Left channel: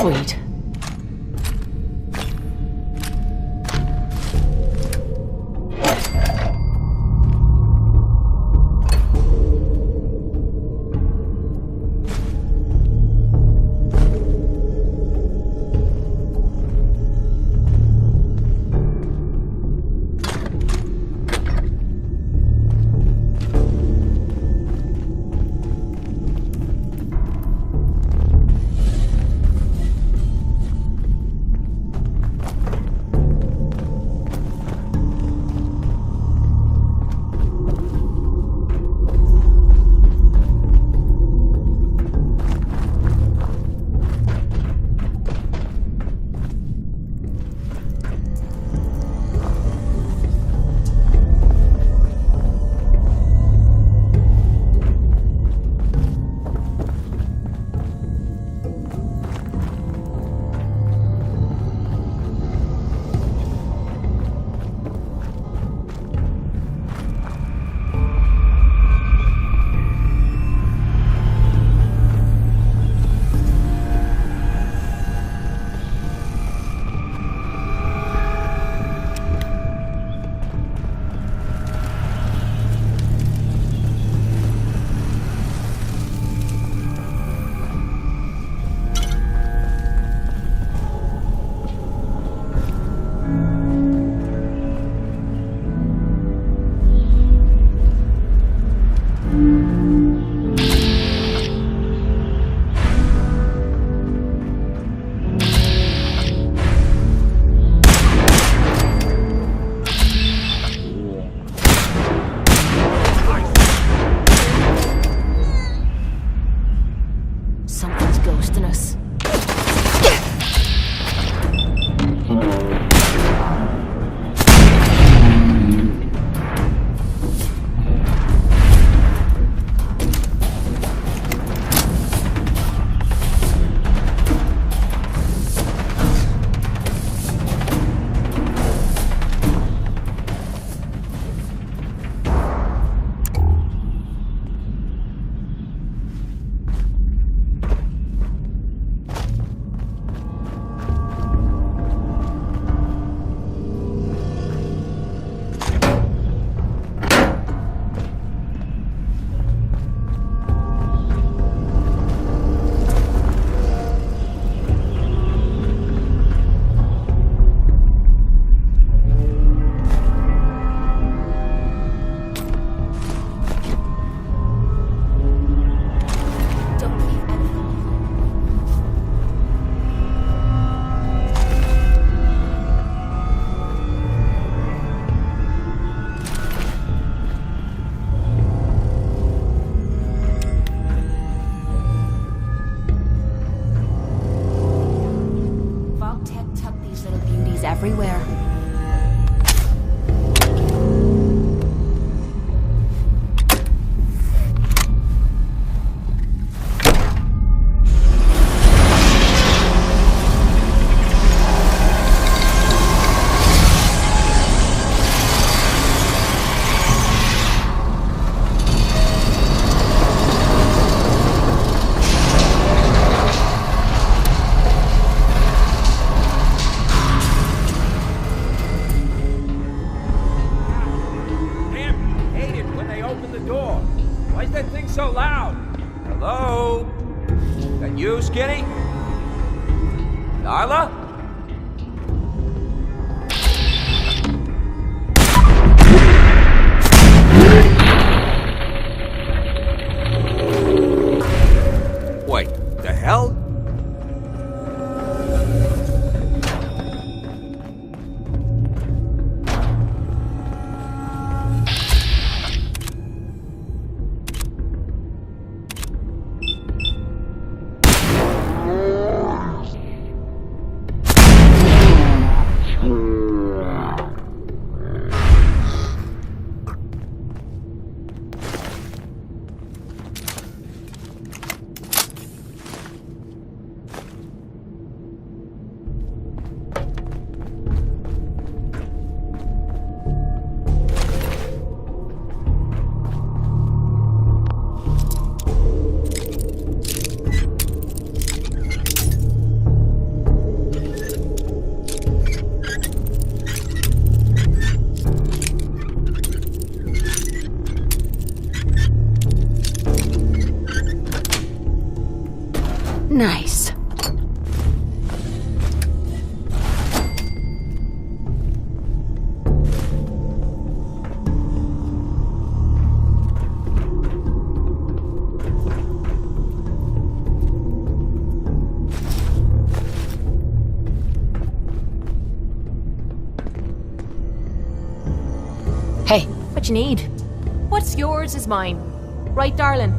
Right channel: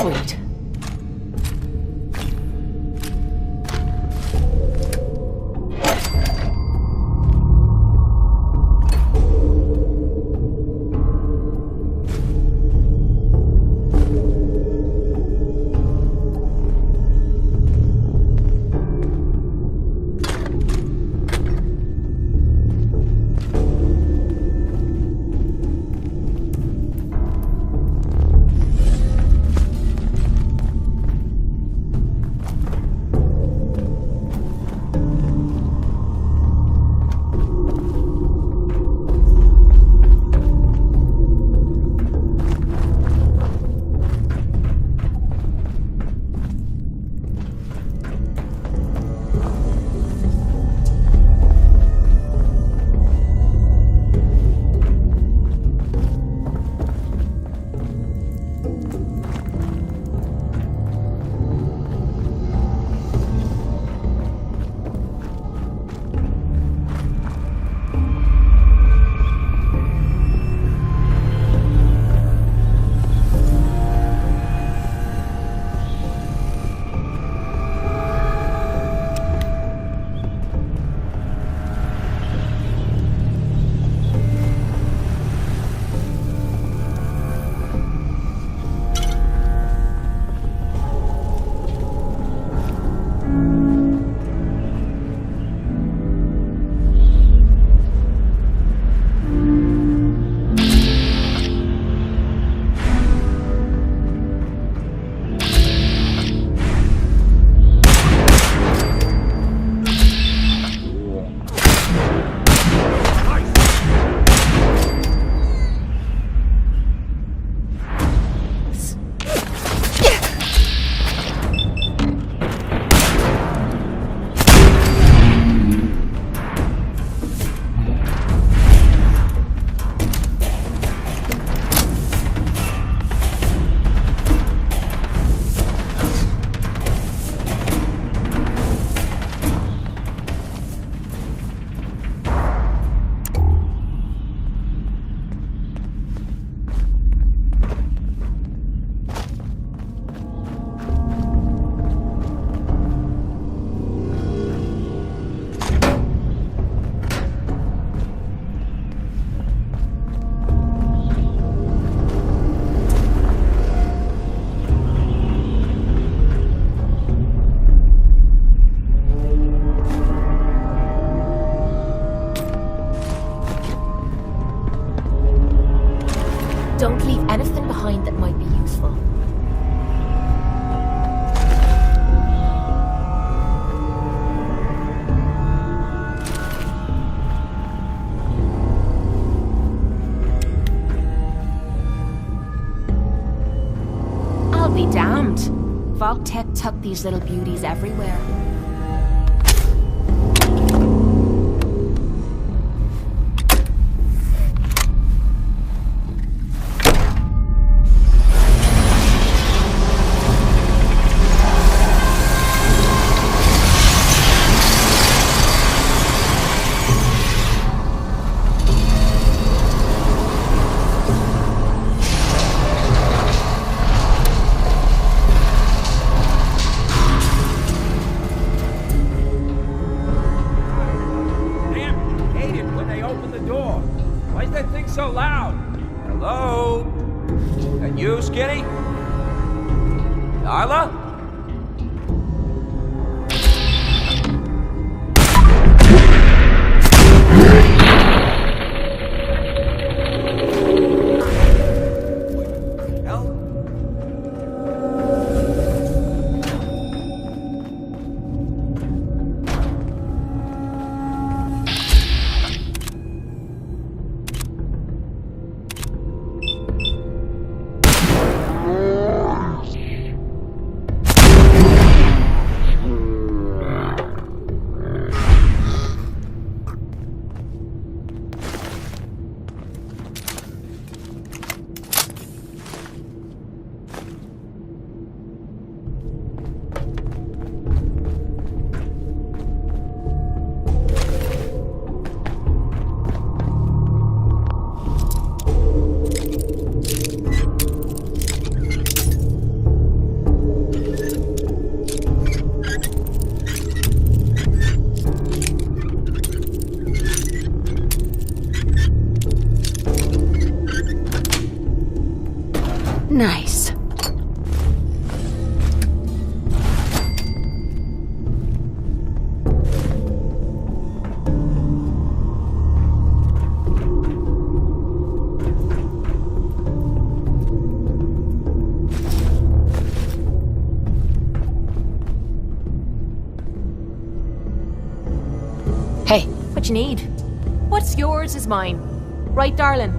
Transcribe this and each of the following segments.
Sweet. Vault-Tec tucked these little beauties everywhere. So loud. Hello? That you, Skinny? Darla? Wait, the hell? Nice. Hey, what you need? What's yours is mine. Right, darling?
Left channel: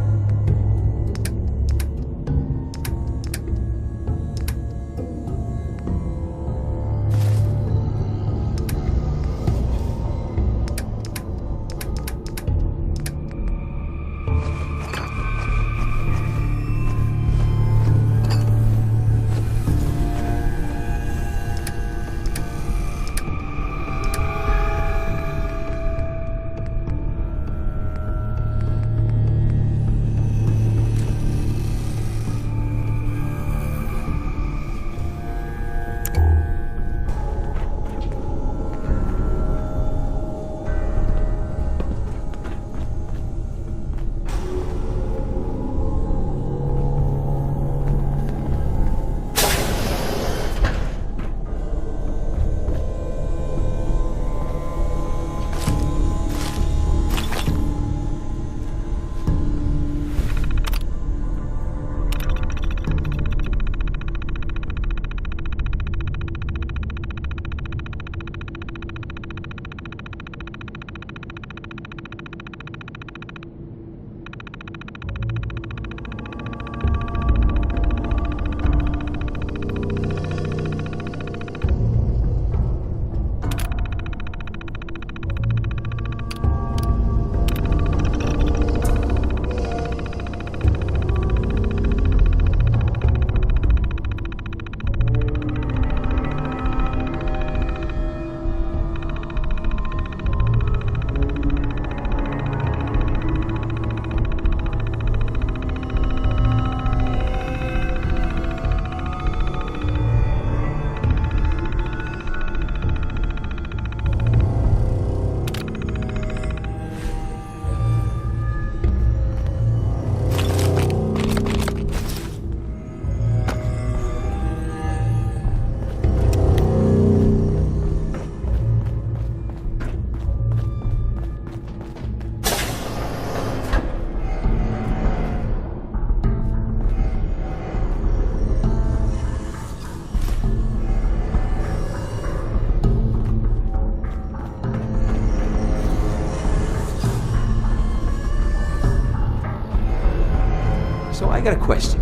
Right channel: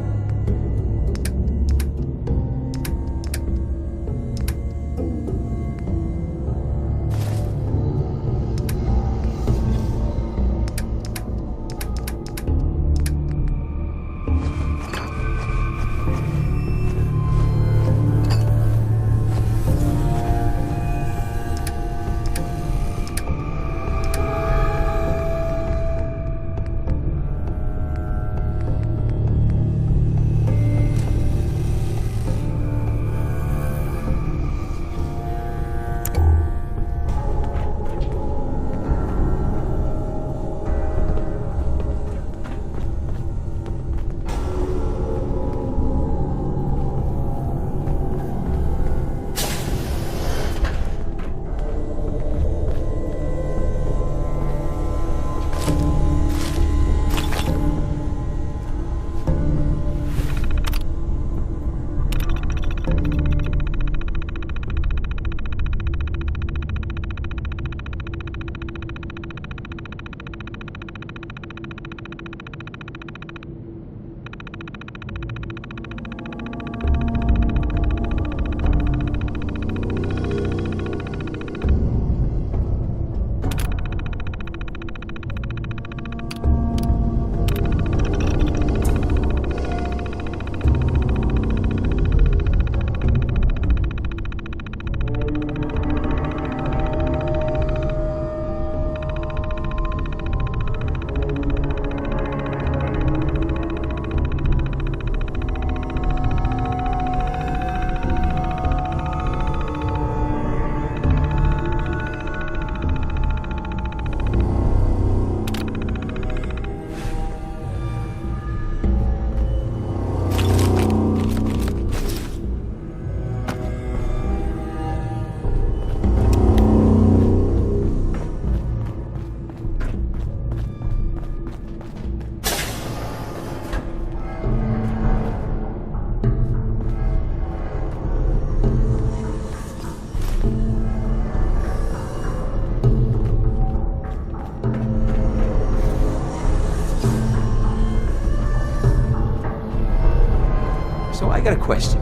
So I got a question.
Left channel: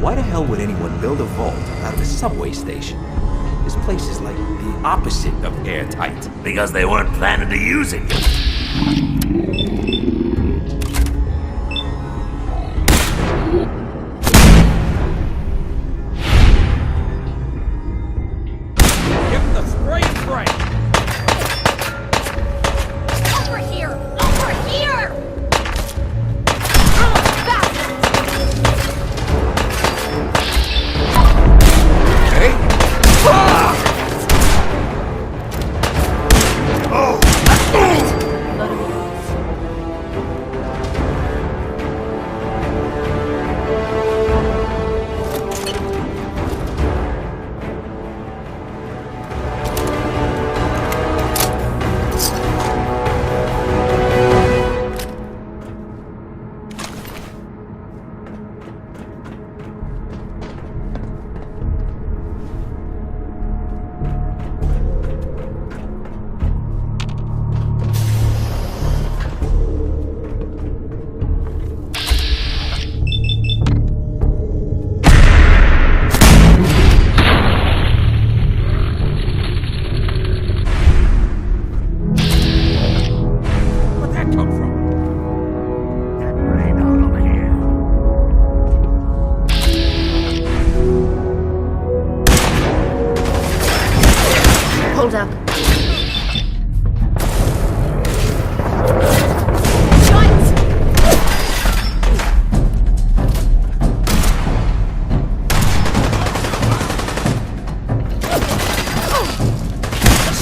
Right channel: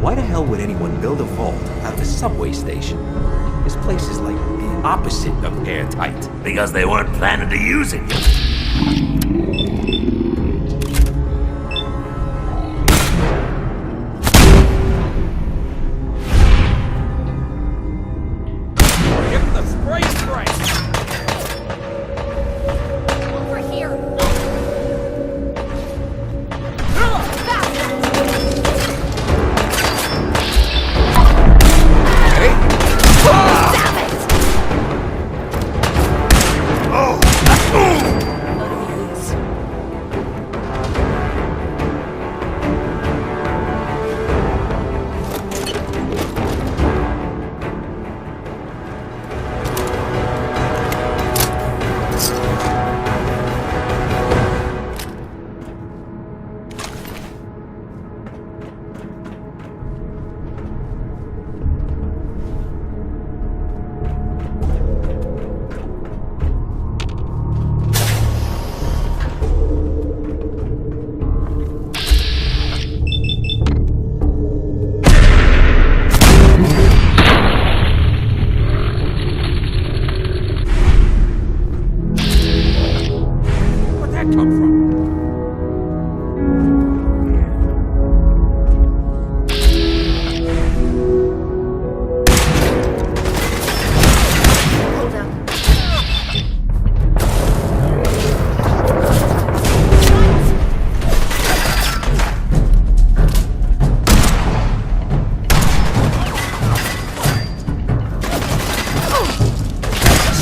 Why the hell would anyone build a vault out of a subway station? This place is like the opposite of airtight. Because they weren't planning to use it. Give him the spray and pray. Over here! Over here! Hey! Oh! Blood of mutants. Where'd that come from? Hold up.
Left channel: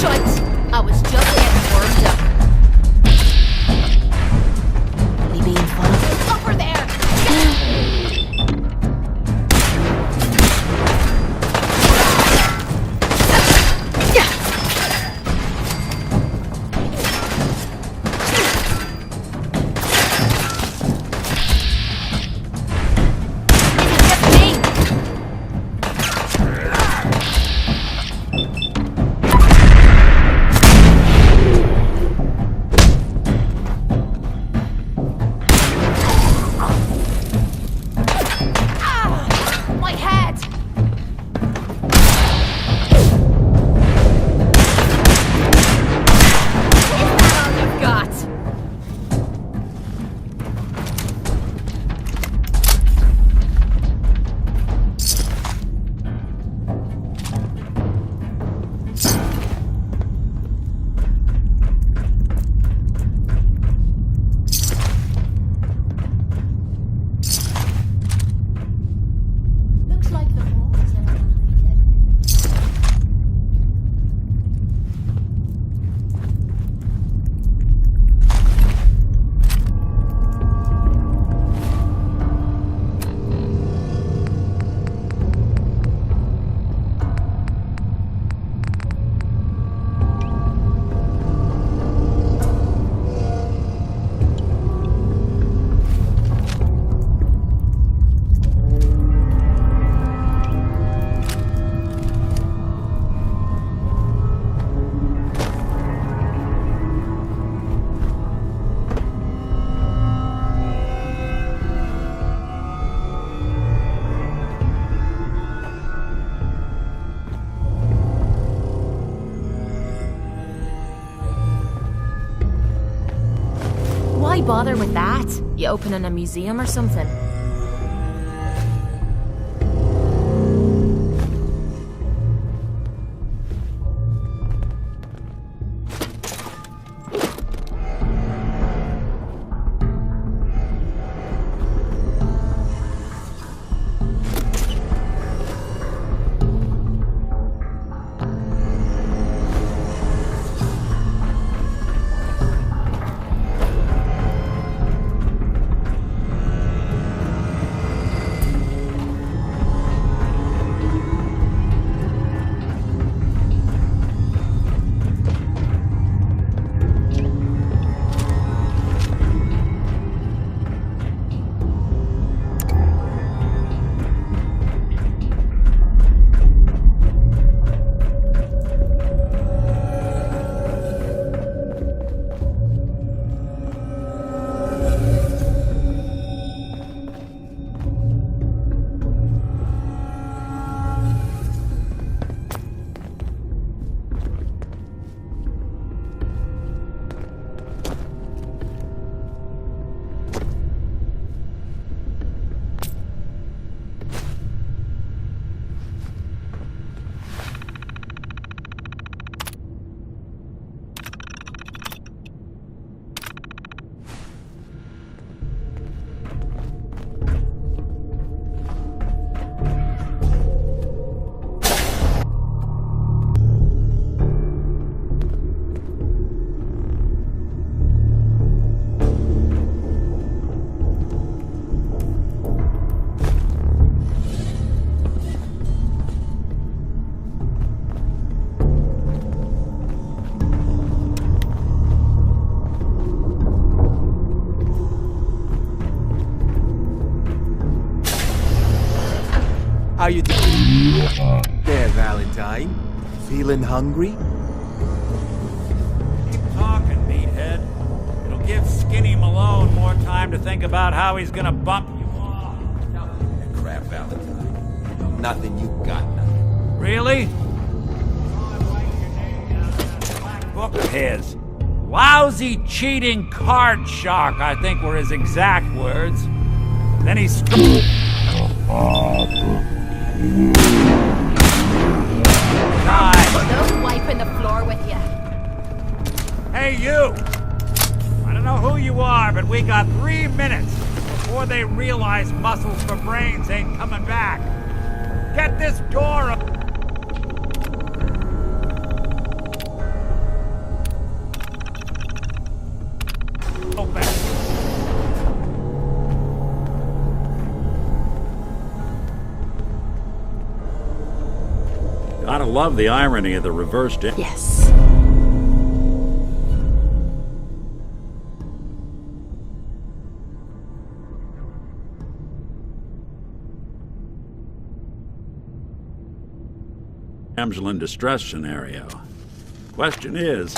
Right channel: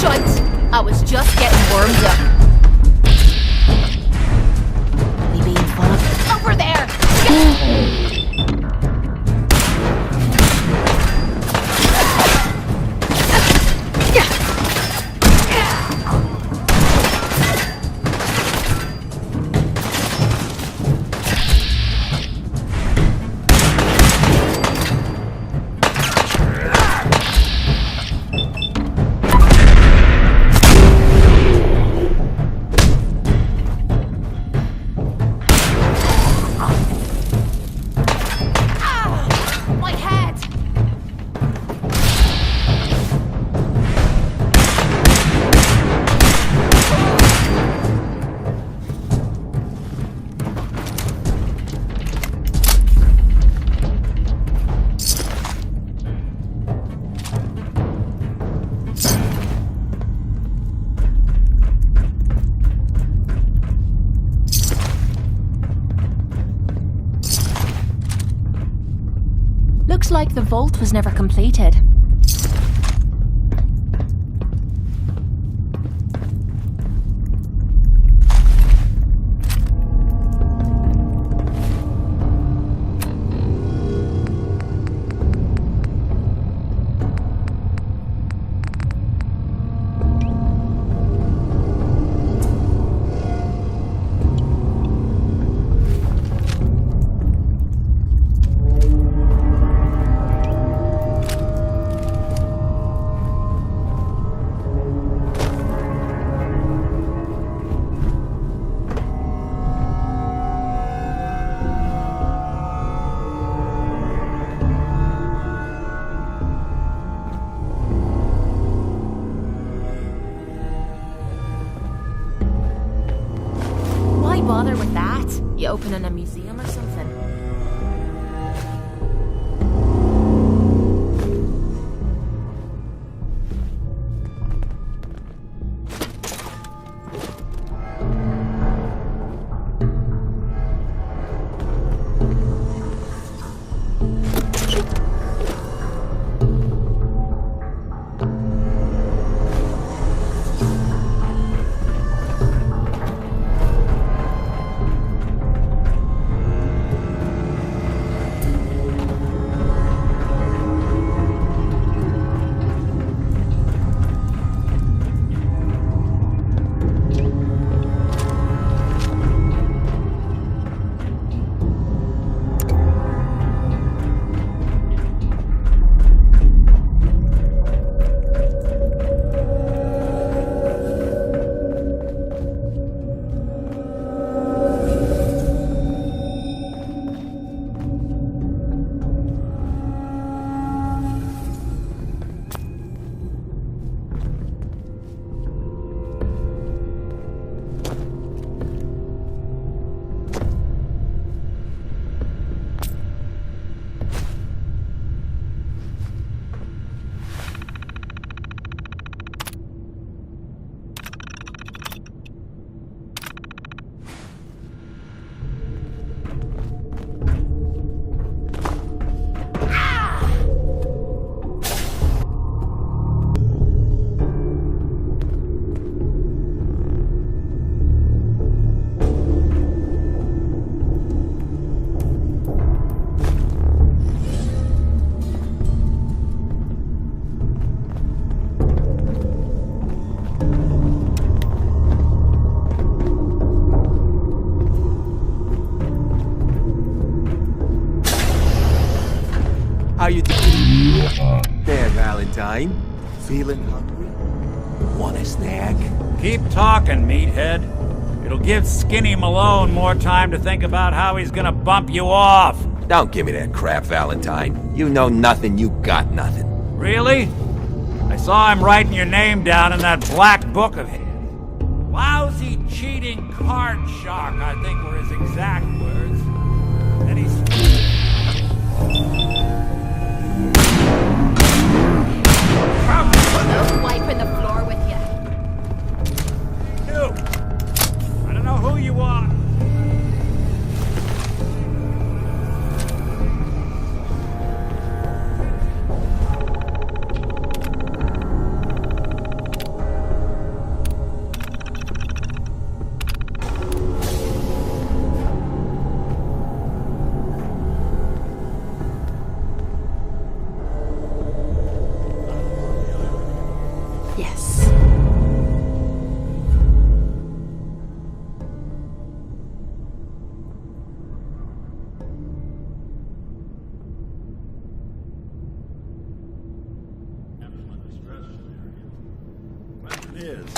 Shite! I was just getting warmed up. We being followed? Over there! was never completed. Why bother with that? You opening a museum or something? How you doing? There, Valentine. Feeling hungry? Want a snack? Keep talking, meathead. It'll give Skinny Malone more time to think about how he's gonna bump you off. Don't give me that crap, Valentine. You know nothing, you got nothing. Really? I saw him writing your name down in that black book of his. Lousy, cheating card shark, I think were his exact words. Then he No wiping the floor with you. Hey, you! I don't know who you are, but we got 3 minutes before they realize muscles for brains ain't coming back. Get this door up. Gotta love the irony of the reverse dip. Yes. Damsel in distress scenario. Question is,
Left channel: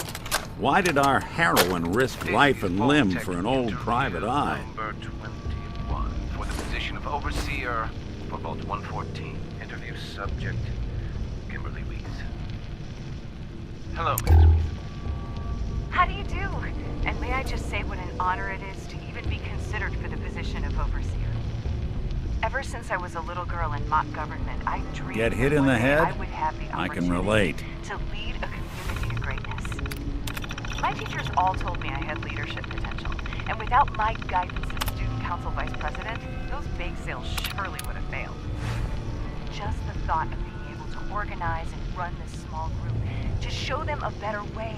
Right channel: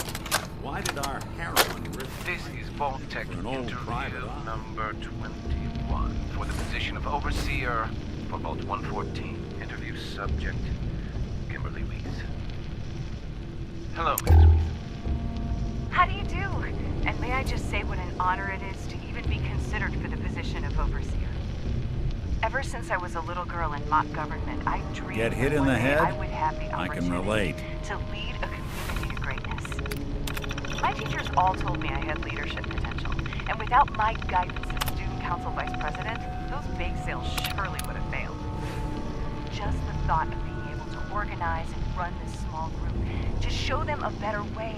why did our heroine risk life and limb for an old private eye? Number 21 for the position of overseer for Vault 114. Interview subject Kimberly Weeks. Hello, Mrs. Weeks. How do you do? And may I just say what an honor it is to even be considered for the position of overseer. Ever since I was a little girl in mock government, I dreamed Get hit that in the one day head? I would have the I can opportunity relate. to lead a community to greatness. My teachers all told me I had leadership potential, and without my guidance as student council vice president, those bake sales surely would have failed. just the thought of being able to organize and run this small group, to show them a better way,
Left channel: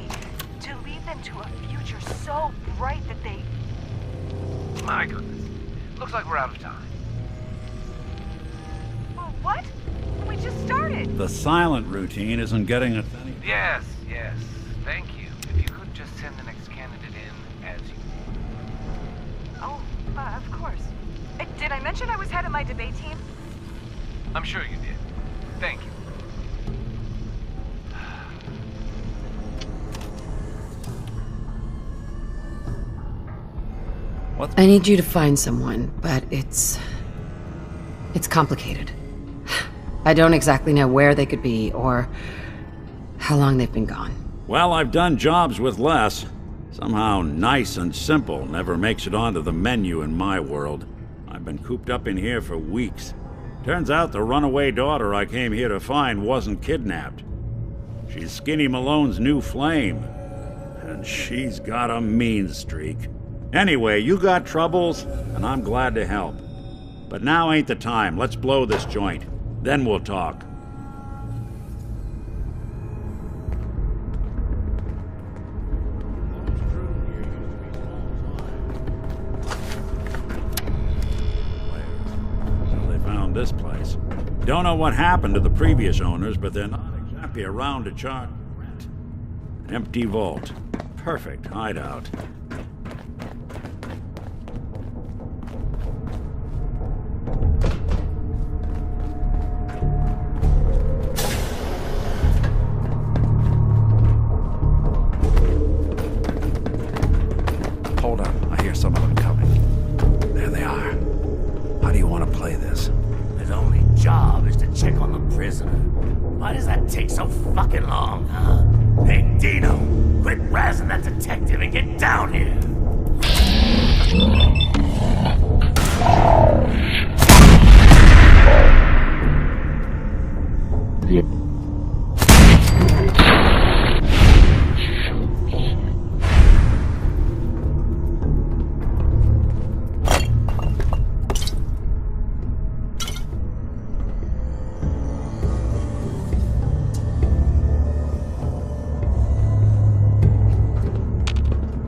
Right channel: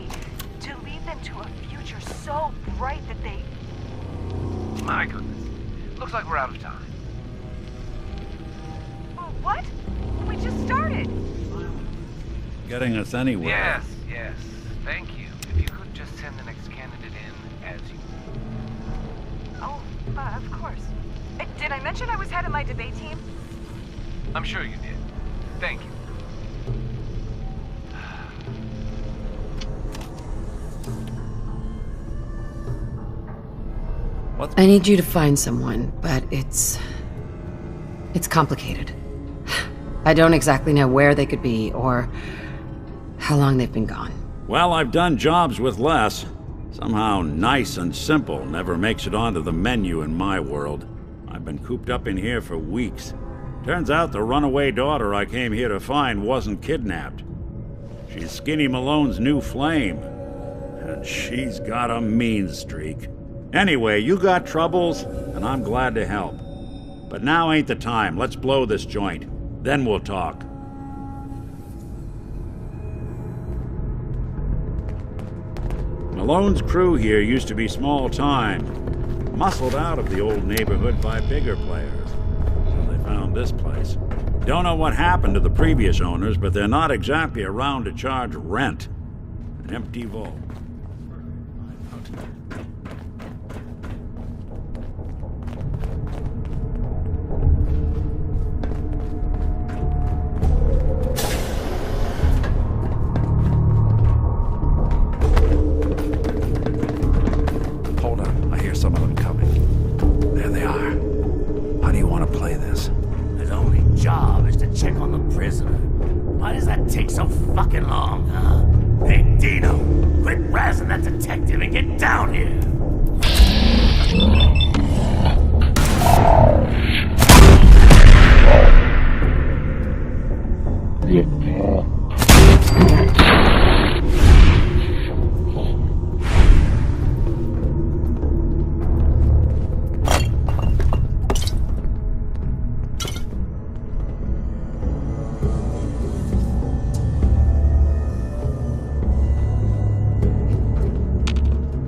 to lead them to a future so bright that they... My goodness. Looks like we're out of time. What? We just started. The silent routine isn't getting us anywhere. Yes. Thank you. If you could just send the next candidate in as you... Oh, of course. Did I mention I was head of my debate team? I'm sure you did. Thank you. I need you to find someone, but it's complicated. I don't exactly know where they could be or how long they've been gone. Well, I've done jobs with less. Somehow nice and simple never makes it onto the menu in my world. I've been cooped up in here for weeks. Turns out the runaway daughter I came here to find wasn't kidnapped. She's Skinny Malone's new flame. And she's got a mean streak. Anyway, you got troubles, and I'm glad to help. But now ain't the time. Let's blow this joint. Then we'll talk. Malone's crew here used to be small time. Muscled out of the old neighborhood by bigger players. So they found this place. Don't know what happened to the previous owners, but they're not exactly around to charge rent. An empty vault. Perfect hideout. Hold on, I hear some of them coming. There they are. How do you want to play this? His only job is to check on the prisoner. Why does that take so fucking long, huh? Hey, Dino, quit razzing that detective and get down here!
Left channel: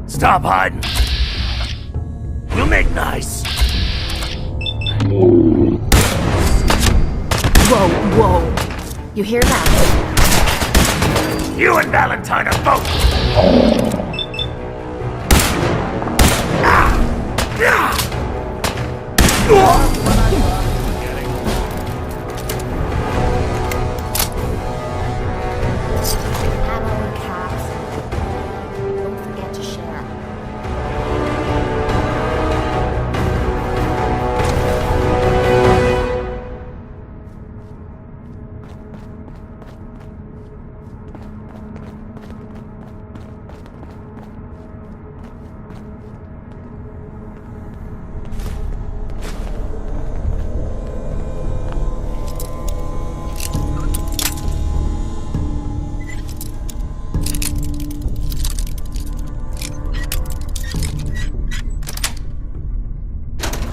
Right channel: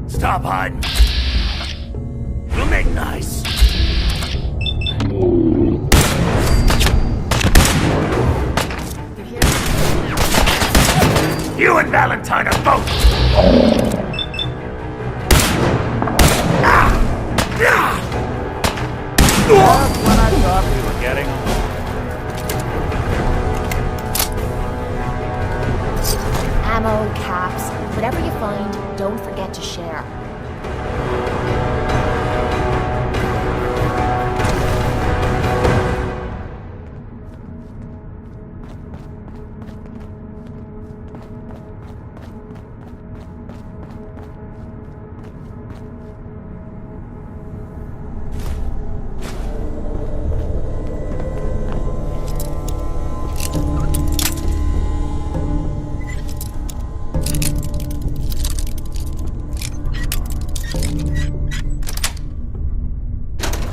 Stop hiding. We'll make nice. Whoa. You hear that? You and Valentine are both. Just when I thought we were getting along. Ammo and caps. Whatever you find, don't forget to share.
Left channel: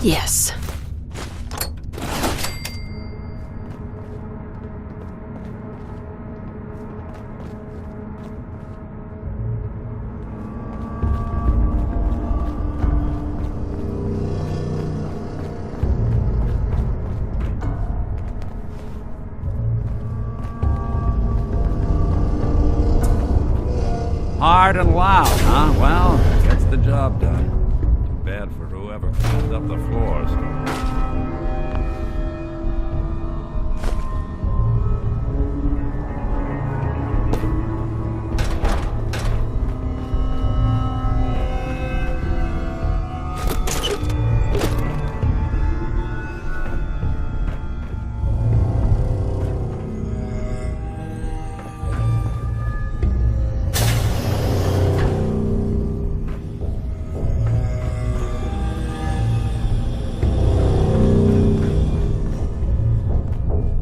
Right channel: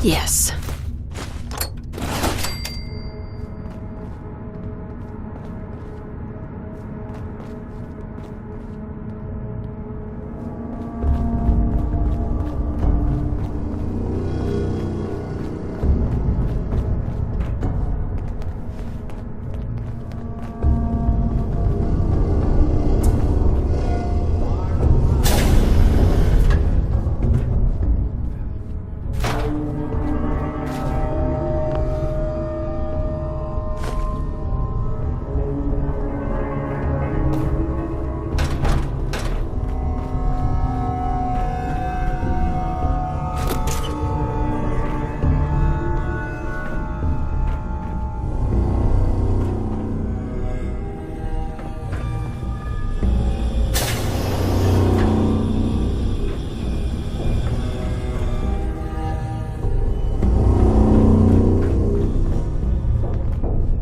Yes. Hard and loud, huh? Well, that's the job done. Bad for whoever cleaned up the floors.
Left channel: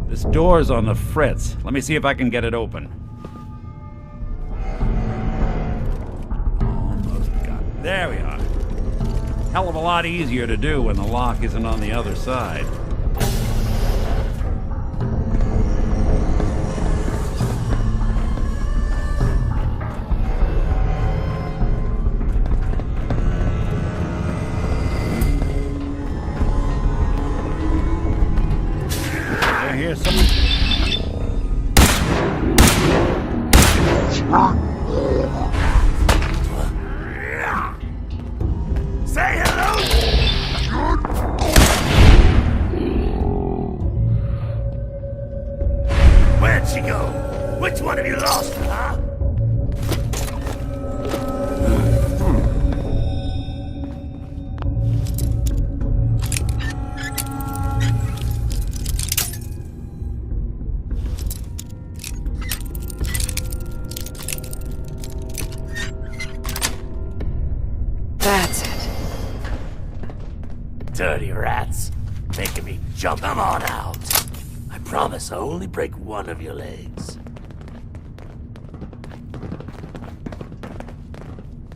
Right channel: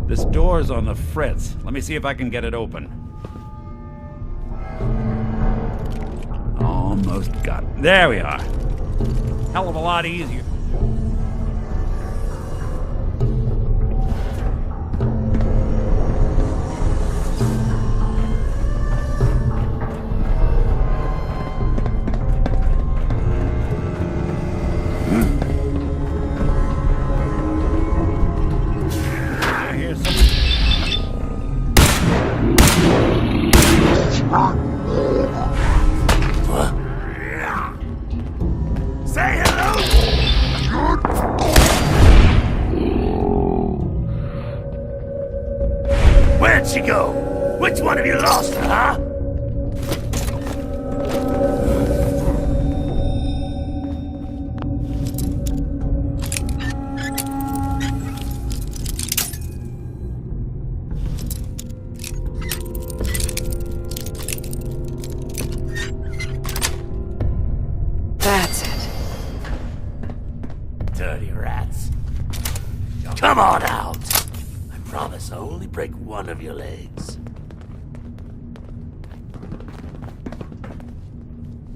This door's on the fritz. Let me see if I can get it open. Almost got it. There we are. Hell of a lot easier to do when the lock isn't on the other side. Say hello! Where'd she go? Which one of you lost her, huh? That's it. Dirty rats. Making me jump. Come on out! I promise I'll only break one of your legs.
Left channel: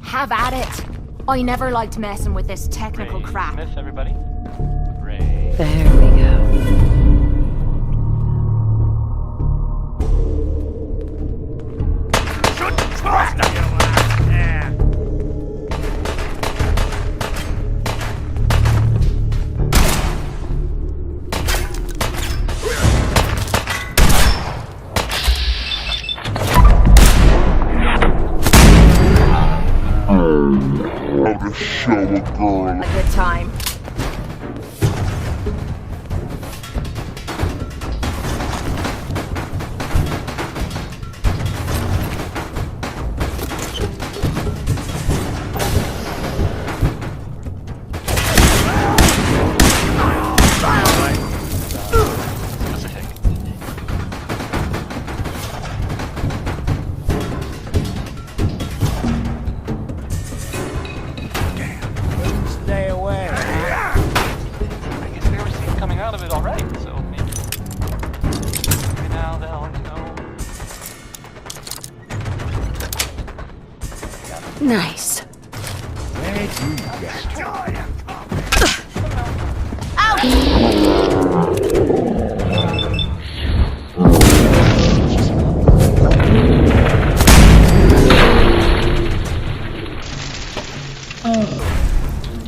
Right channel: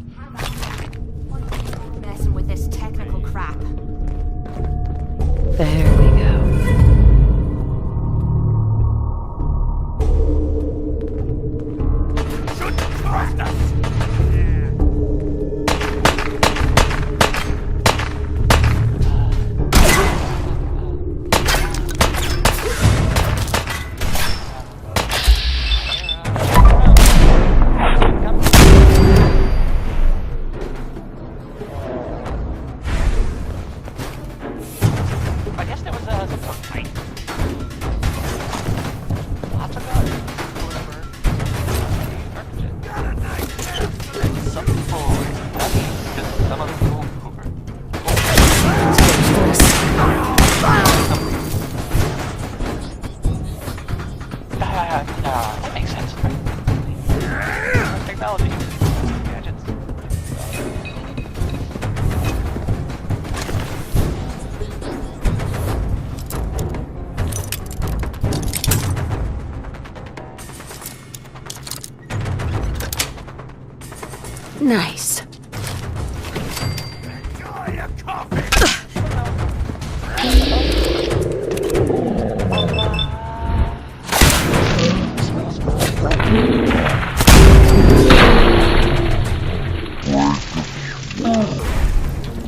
Have at it. I never liked messing with this technical crap. Everybody. There we go. Should trust us! Yeah. A good time. I guess there was Stay away. coming out of it already, so maybe. Now they'll know. Nice. Enjoy your coffee!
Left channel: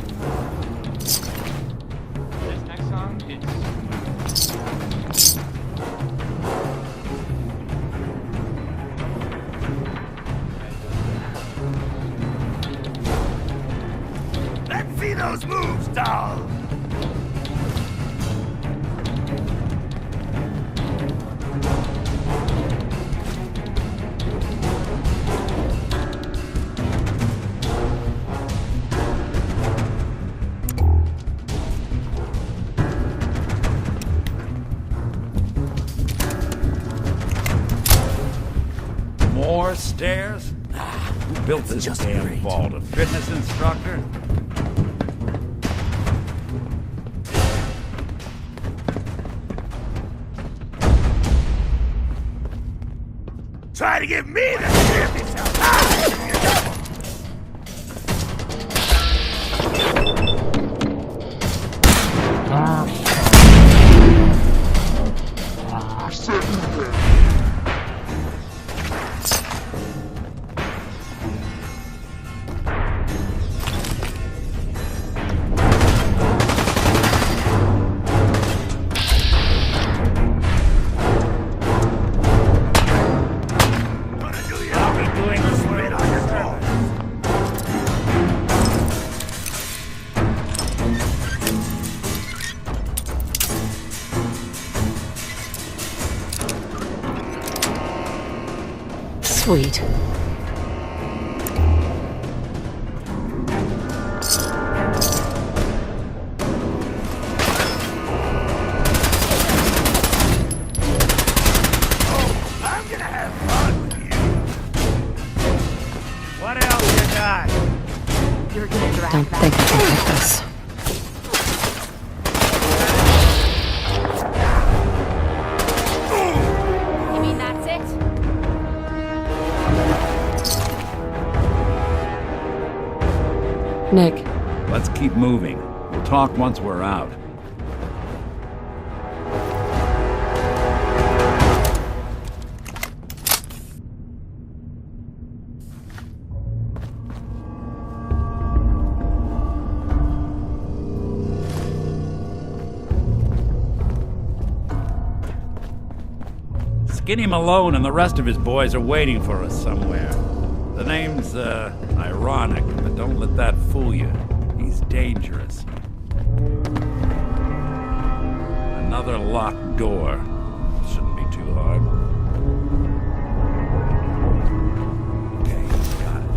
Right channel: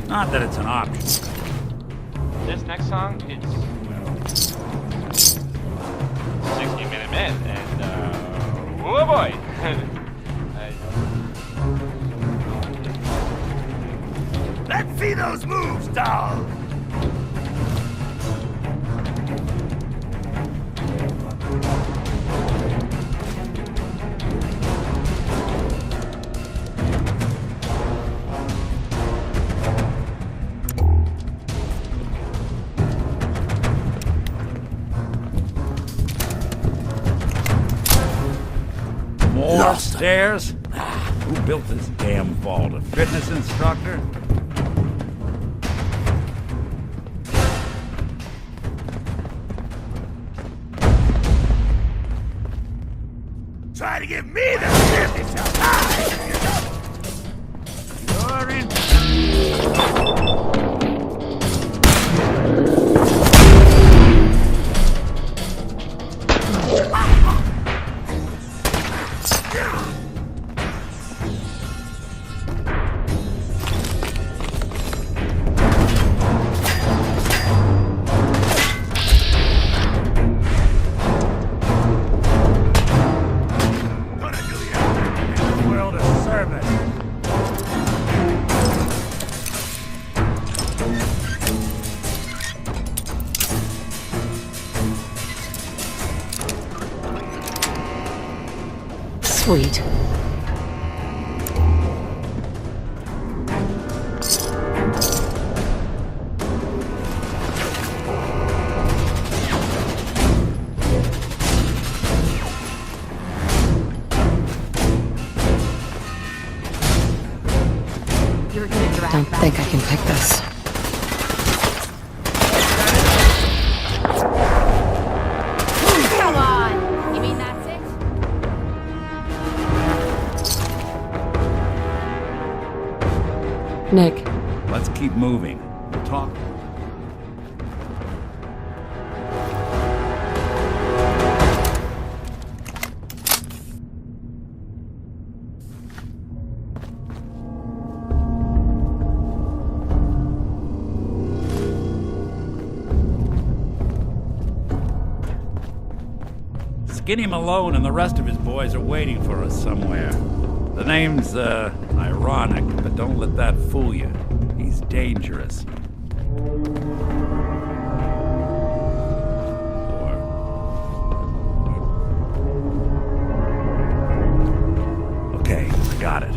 Not that it's an option. This next song, it's 60-minute men, and oh boy! Let's see those moves, doll! More stairs? Who built this damn vault? A fitness instructor? Try to give me the business of time! You're in. Gonna do you Doing this world a service. Sweet. What else you got? You're gonna drag Don't that. think I can pick this. Come on. You mean that's it? Nick, Let's keep moving. We'll talk once we're out. Skinny Malone and the rest of his boys are waiting for us somewhere. The name's, ironic, but don't let that fool you. He's dangerous. Another locked door. Shouldn't be too hard. Okay, got it.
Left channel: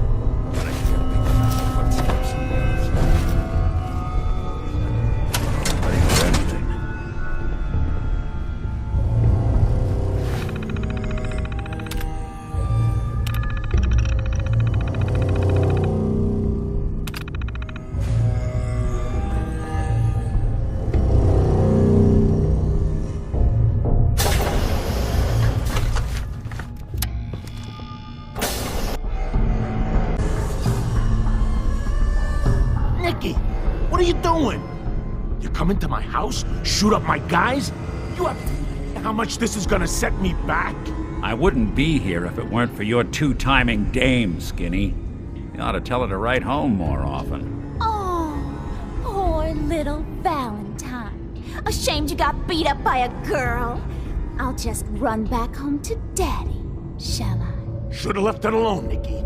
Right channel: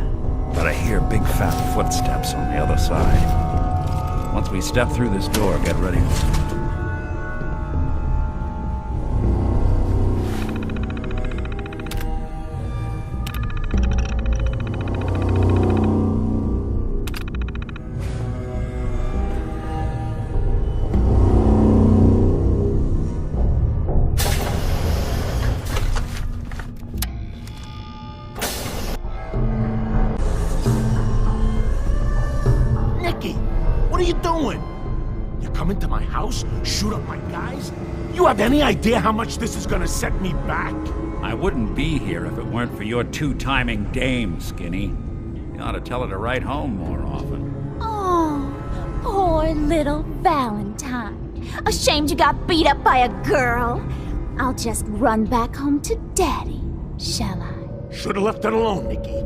But I hear big fat footsteps on the other side. Once we step through this door, get ready for anything. What are you doing? You come into my house, shoot up my guys? You have any idea how much this is gonna set me back? I wouldn't be here if it weren't for your two-timing dame, Skinny. You ought to tell her to write home more often. Oh, poor little Valentine. Ashamed you got beat up by a girl? I'll just run back home to Daddy, shall I? Should've left it alone, Nikki.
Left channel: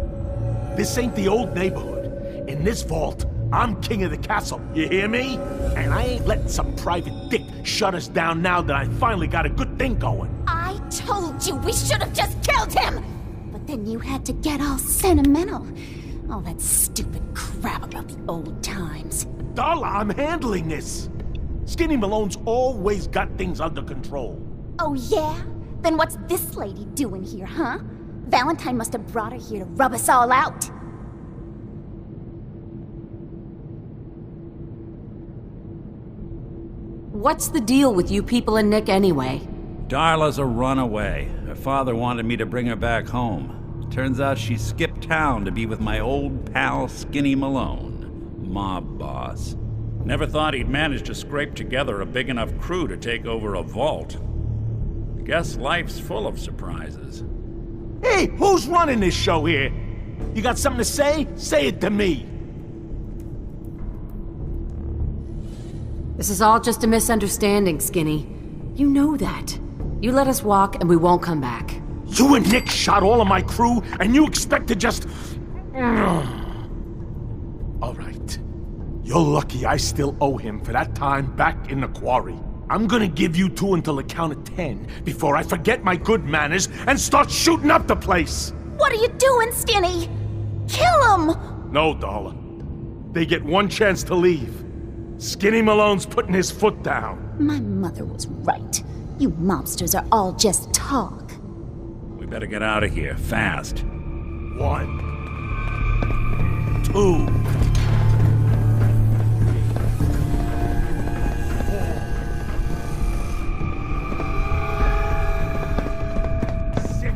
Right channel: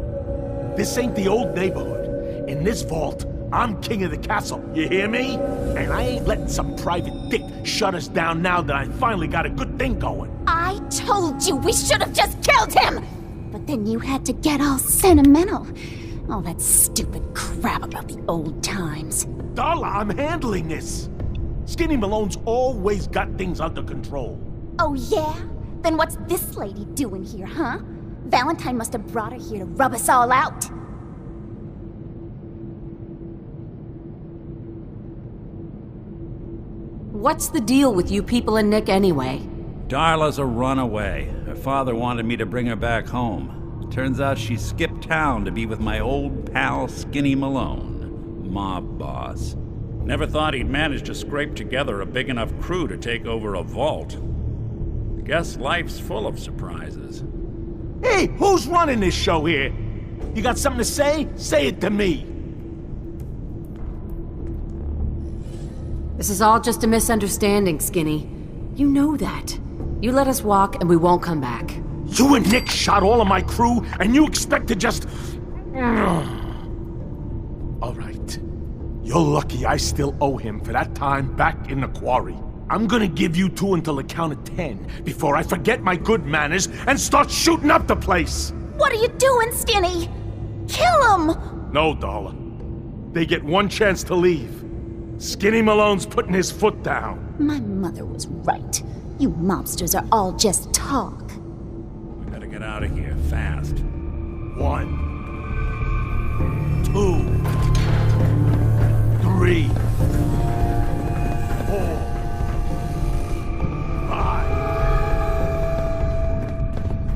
This ain't the old neighborhood. In this vault, I'm king of the castle, you hear me? And I ain't letting some private dick shut us down now that I finally got a good thing going. I told you we should have just killed him! But then you had to get all sentimental. All that stupid crap about the old times. Darla, I'm handling this. Skinny Malone's always got things under control. Oh yeah? Then what's this lady doing here, huh? Valentine must have brought her here to rub us all out. What's the deal with you people and Nick anyway? Darla's a runaway. Her father wanted me to bring her back home. Turns out she skipped town to be with my old pal Skinny Malone, mob boss. Never thought he'd manage to scrape together a big enough crew to take over a vault. Guess life's full of surprises. Hey, who's running this show here? You got something to say? Say it to me. This is all just a misunderstanding, Skinny. You know that. You let us walk and we won't come back. You and Nick shot all of my crew, and you expect to just... All right. You're lucky I still owe him for that time back in the quarry. I'm gonna give you two until the count of 10 before I forget my good manners and start shooting up the place. What are you doing, Skinny? Kill him! No, Darla. They get one chance to leave. Skinny Malone's putting his foot down. My mother was right. You mobsters are all just talk. We better get out of here, fast. 1, 2, 3, 4, 5, 6.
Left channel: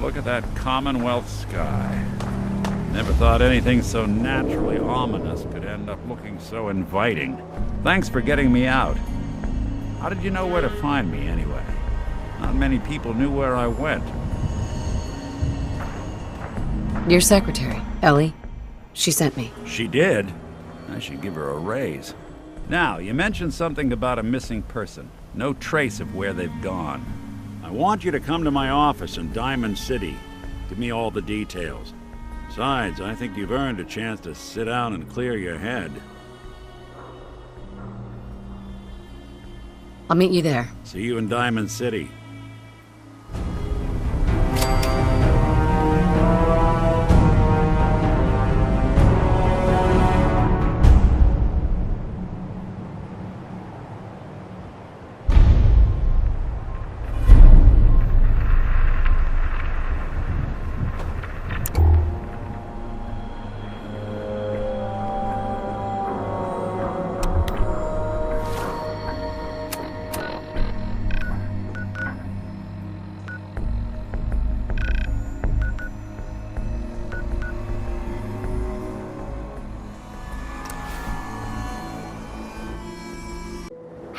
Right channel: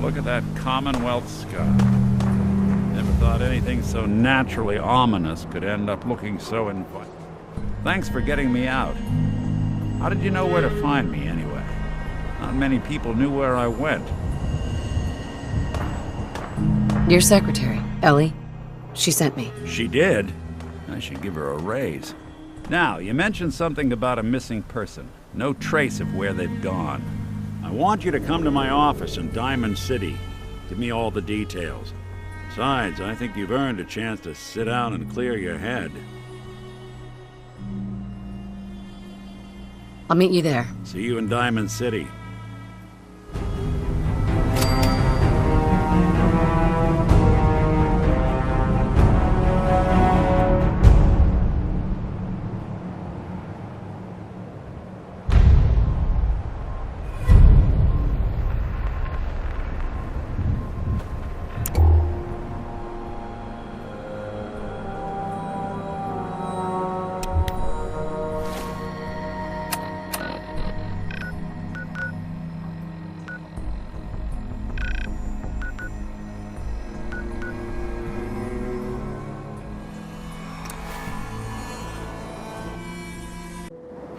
Look at that Commonwealth sky. Never thought anything so naturally ominous could end up looking so inviting. Thanks for getting me out. How did you know where to find me, anyway? Not many people knew where I went. Your secretary, Ellie. She sent me. She did? I should give her a raise. Now, you mentioned something about a missing person. No trace of where they've gone. I want you to come to my office in Diamond City. Give me all the details. Besides, I think you've earned a chance to sit down and clear your head. I'll meet you there. See you in Diamond City.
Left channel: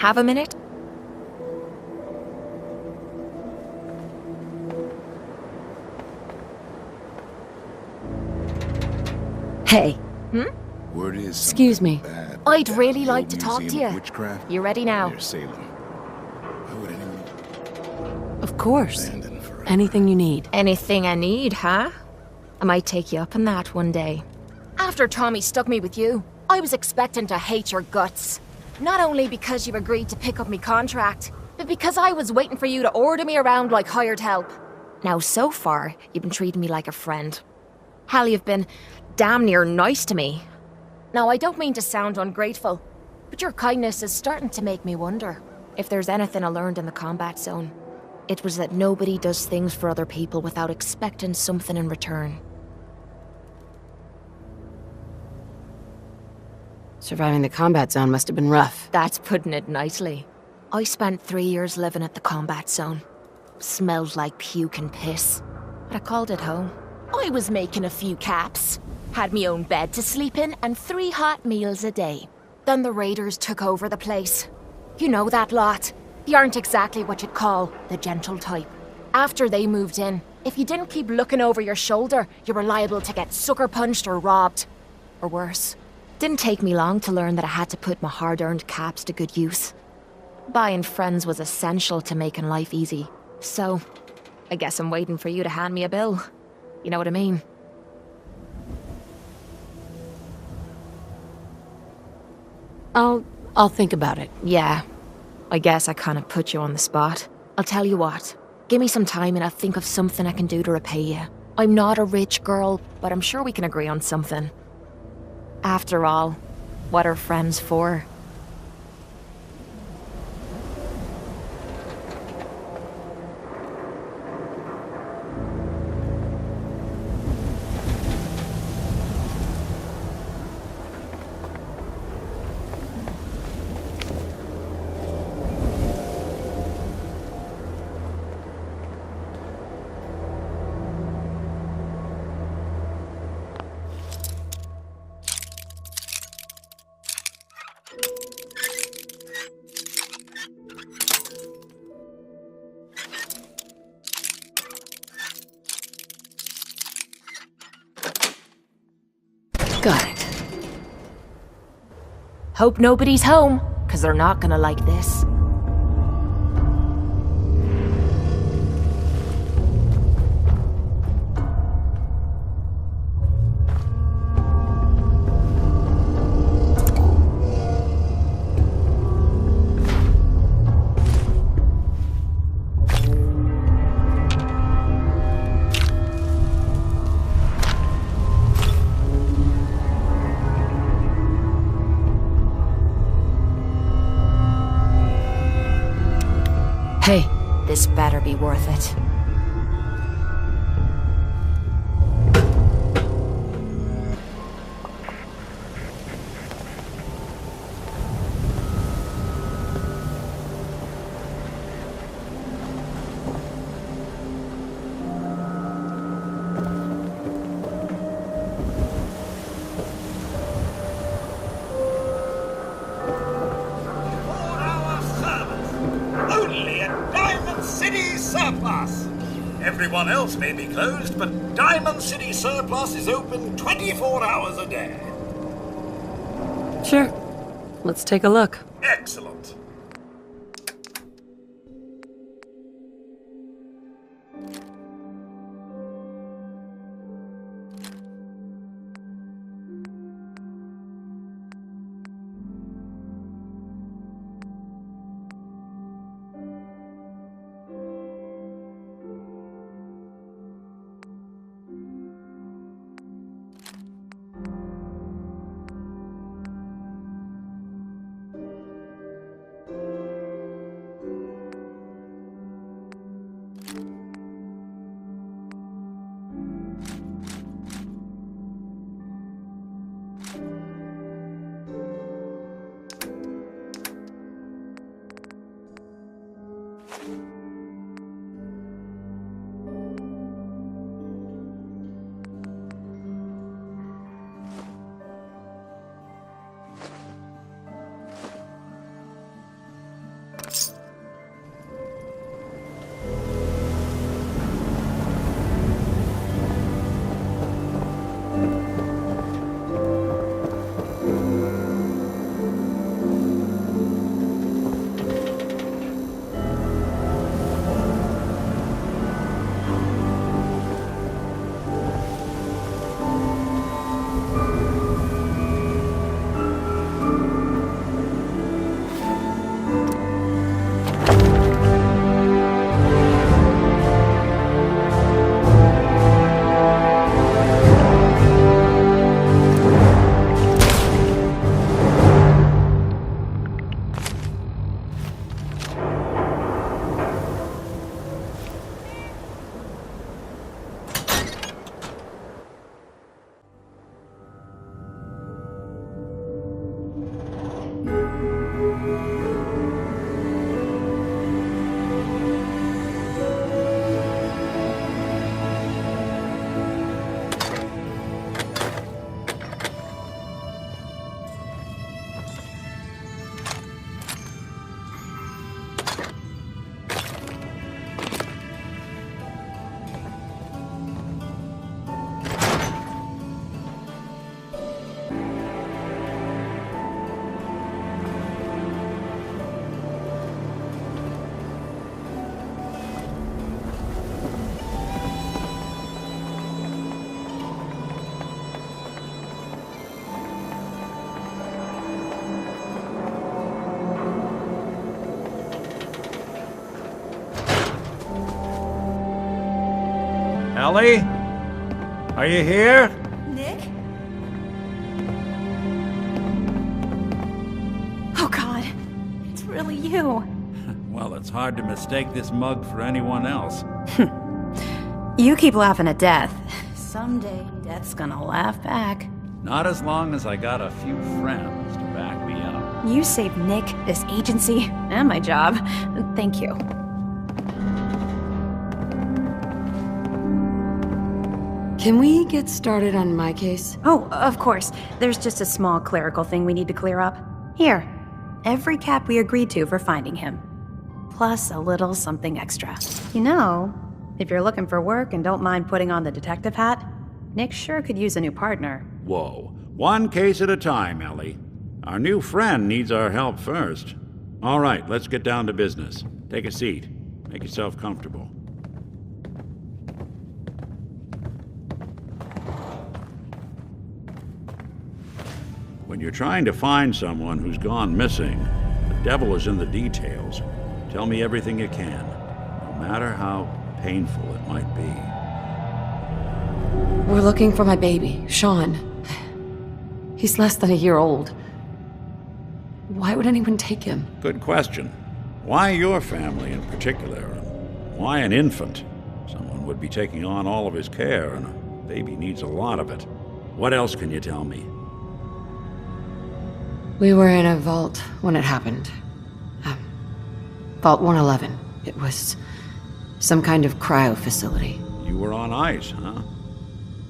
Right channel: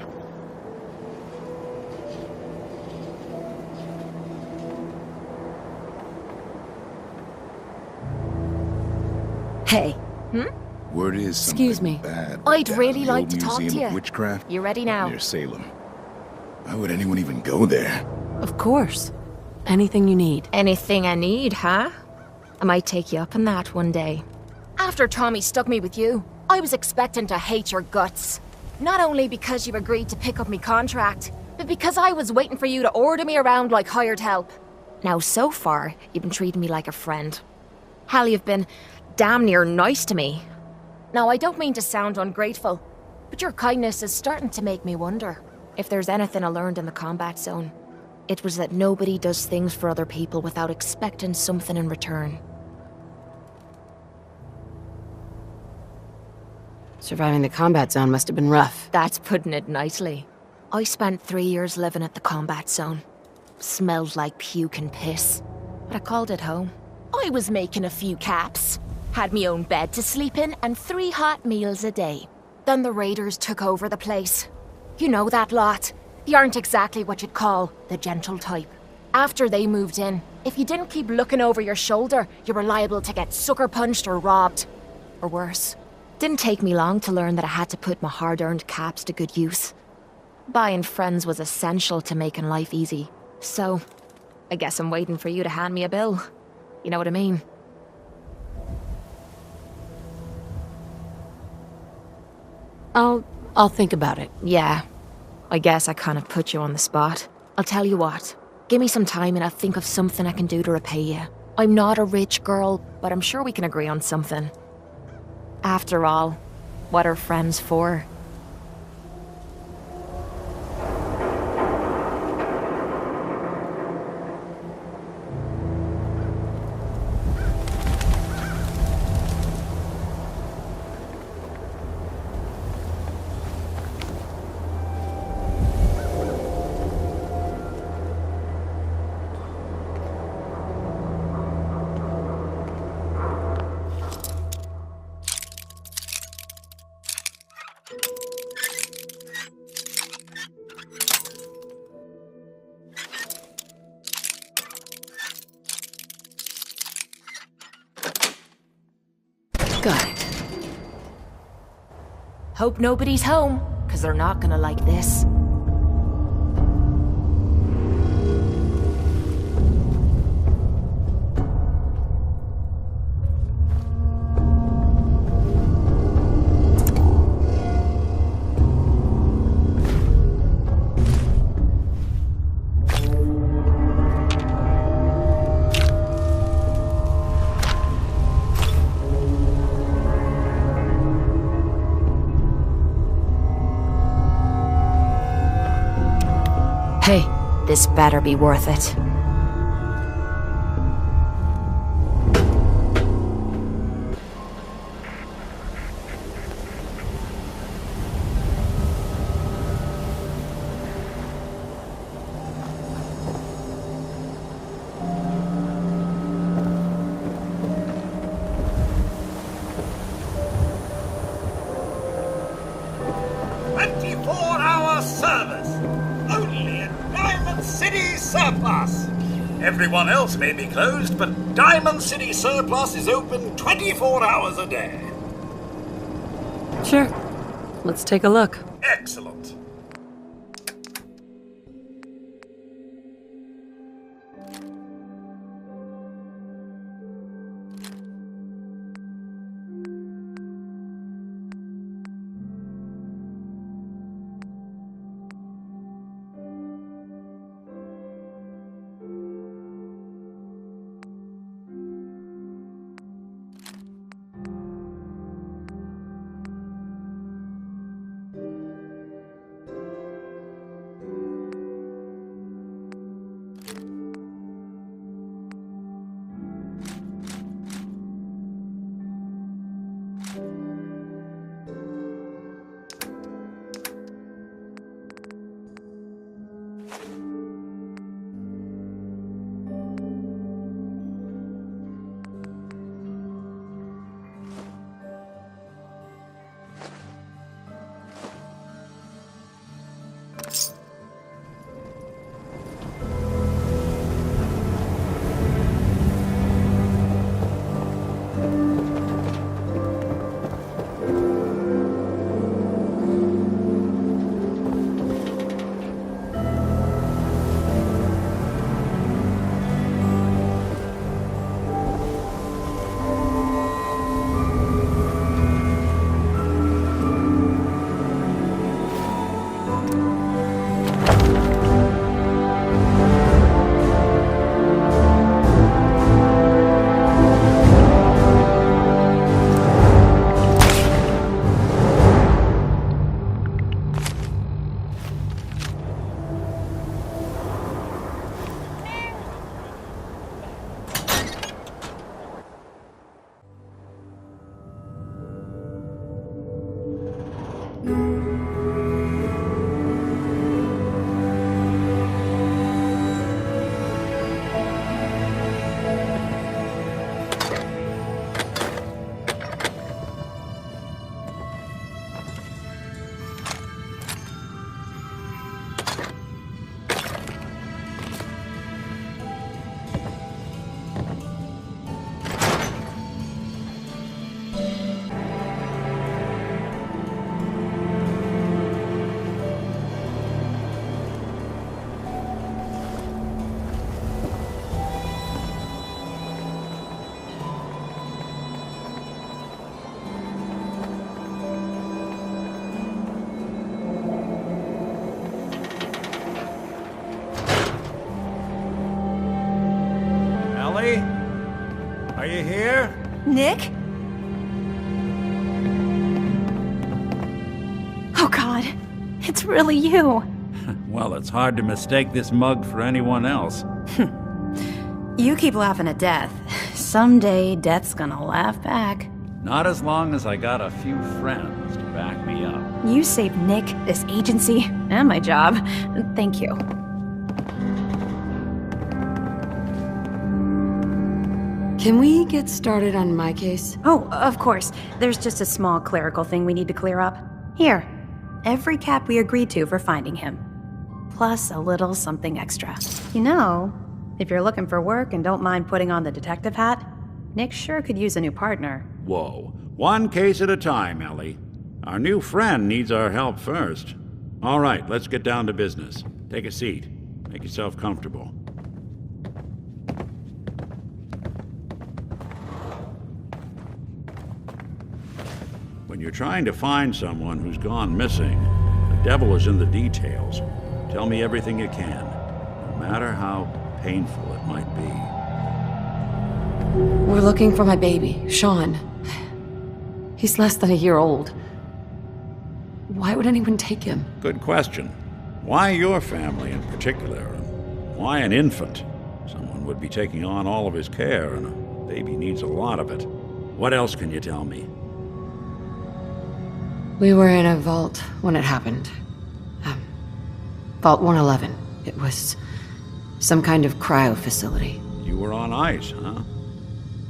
Have a minute? Hey. Word is Excuse something me. bad I'd down really in the like old to talk to Museum of you. Witchcraft You ready now? near Salem. Why would anyone even go there? Of course. Anything you need. Anything I need, huh? I might take you up on that one day. After Tommy stuck me with you, I was expecting to hate your guts. Not only because you agreed to pick up me contract, but because I was waiting for you to order me around like hired help. Now, so far, you've been treating me like a friend. Hell, you've been damn near nice to me. Now, I don't mean to sound ungrateful, but your kindness is starting to make me wonder if there's anything I learned in the combat zone. It was that nobody does things for other people without expecting something in return. Surviving the combat zone must have been rough. That's putting it nicely. I spent 3 years living at the combat zone. Smelled like puke and piss, but I called it home. I was making a few caps, had me own bed to sleep in, and 3 hot meals a day. Then the raiders took over the place. You know that lot. They aren't exactly what you'd call the gentle type. After they moved in, if you didn't keep looking over your shoulder, you were liable to get sucker punched or robbed. Or worse. Didn't take me long to learn that I had to put my hard-earned caps to good use. Buying friends was essential to making life easy. So, I guess I'm waiting for you to hand me a bill. You know what I mean? I'll think about it. Yeah. I guess I kind of put you on the spot. I'll tell you what. Give me some time and I'll think of something I can do to repay you. I'm not a rich girl, but I'm sure we can agree on something. After all, what are friends for? Got it. Hope nobody's home, 'cause they're not gonna like this. Hey. This better be worth it. Everyone else may be closed, but Diamond City Surplus is open 24 hours a day. Sure. Let's take a look. Excellent. Ellie? Are you here? Nick? Oh God, it's really you. Well, it's hard to mistake this mug for anyone else. You keep laughing at death. Someday, death's gonna laugh back. Not as long as I got a few friends to back me up. You saved Nick, this agency, and my job. Thank you. Can we get started on my case? Oh, of course. There's just a small clerical thing we need to clear up. Here, every cap we agreed to for finding him. Plus a little something extra. You know, if you're looking for work and don't mind putting on the detective hat, Nick sure could use a new partner. Whoa. One case at a time, Ellie. Our new friend needs our help first. All right, let's get down to business. Take a seat. Make yourself comfortable. When you're trying to find someone who's gone missing, the devil is in the details. Tell me everything you can, no matter how painful it might be. We're looking for my baby, Sean. He's less than a year old. Why would anyone take him? Good question. Why your family in particular? And why an infant? Someone would be taking on all of his care, and a baby needs a lot of it. What else can you tell me? We were in a vault when it happened. Vault 111. It was some kind of cryo facility. You were on ice, huh?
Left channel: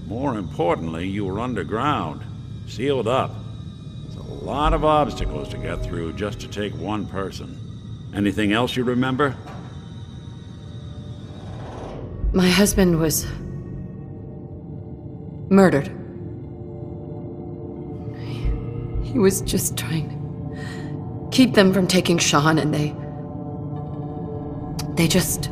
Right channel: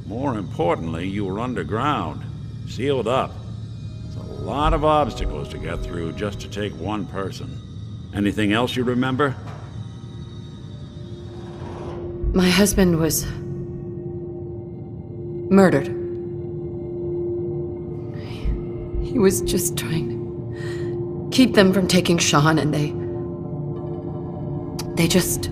More importantly, you were underground, sealed up. There's a lot of obstacles to get through just to take one person. Anything else you remember? My husband was murdered. He was just trying to keep them from taking Sean, and they just...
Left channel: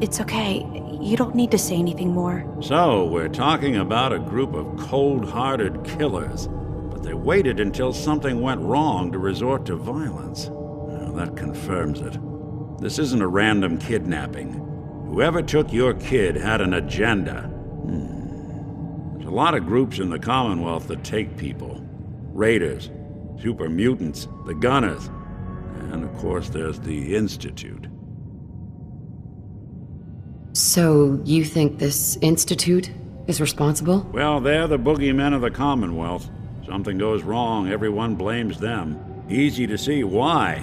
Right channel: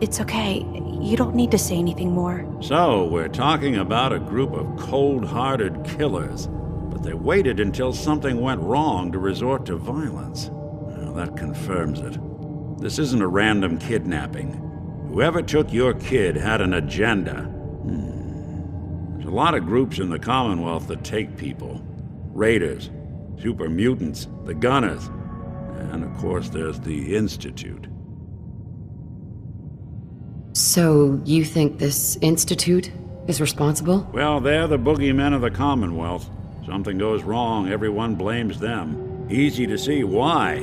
It's okay. You don't need to say anything more. So, we're talking about a group of cold-hearted killers, but they waited until something went wrong to resort to violence. Well, that confirms it. This isn't a random kidnapping. Whoever took your kid had an agenda. There's a lot of groups in the Commonwealth that take people. Raiders, super-mutants, the Gunners, and of course there's the Institute. So, you think this Institute is responsible? Well, they're the boogeymen of the Commonwealth. Something goes wrong, everyone blames them. Easy to see why.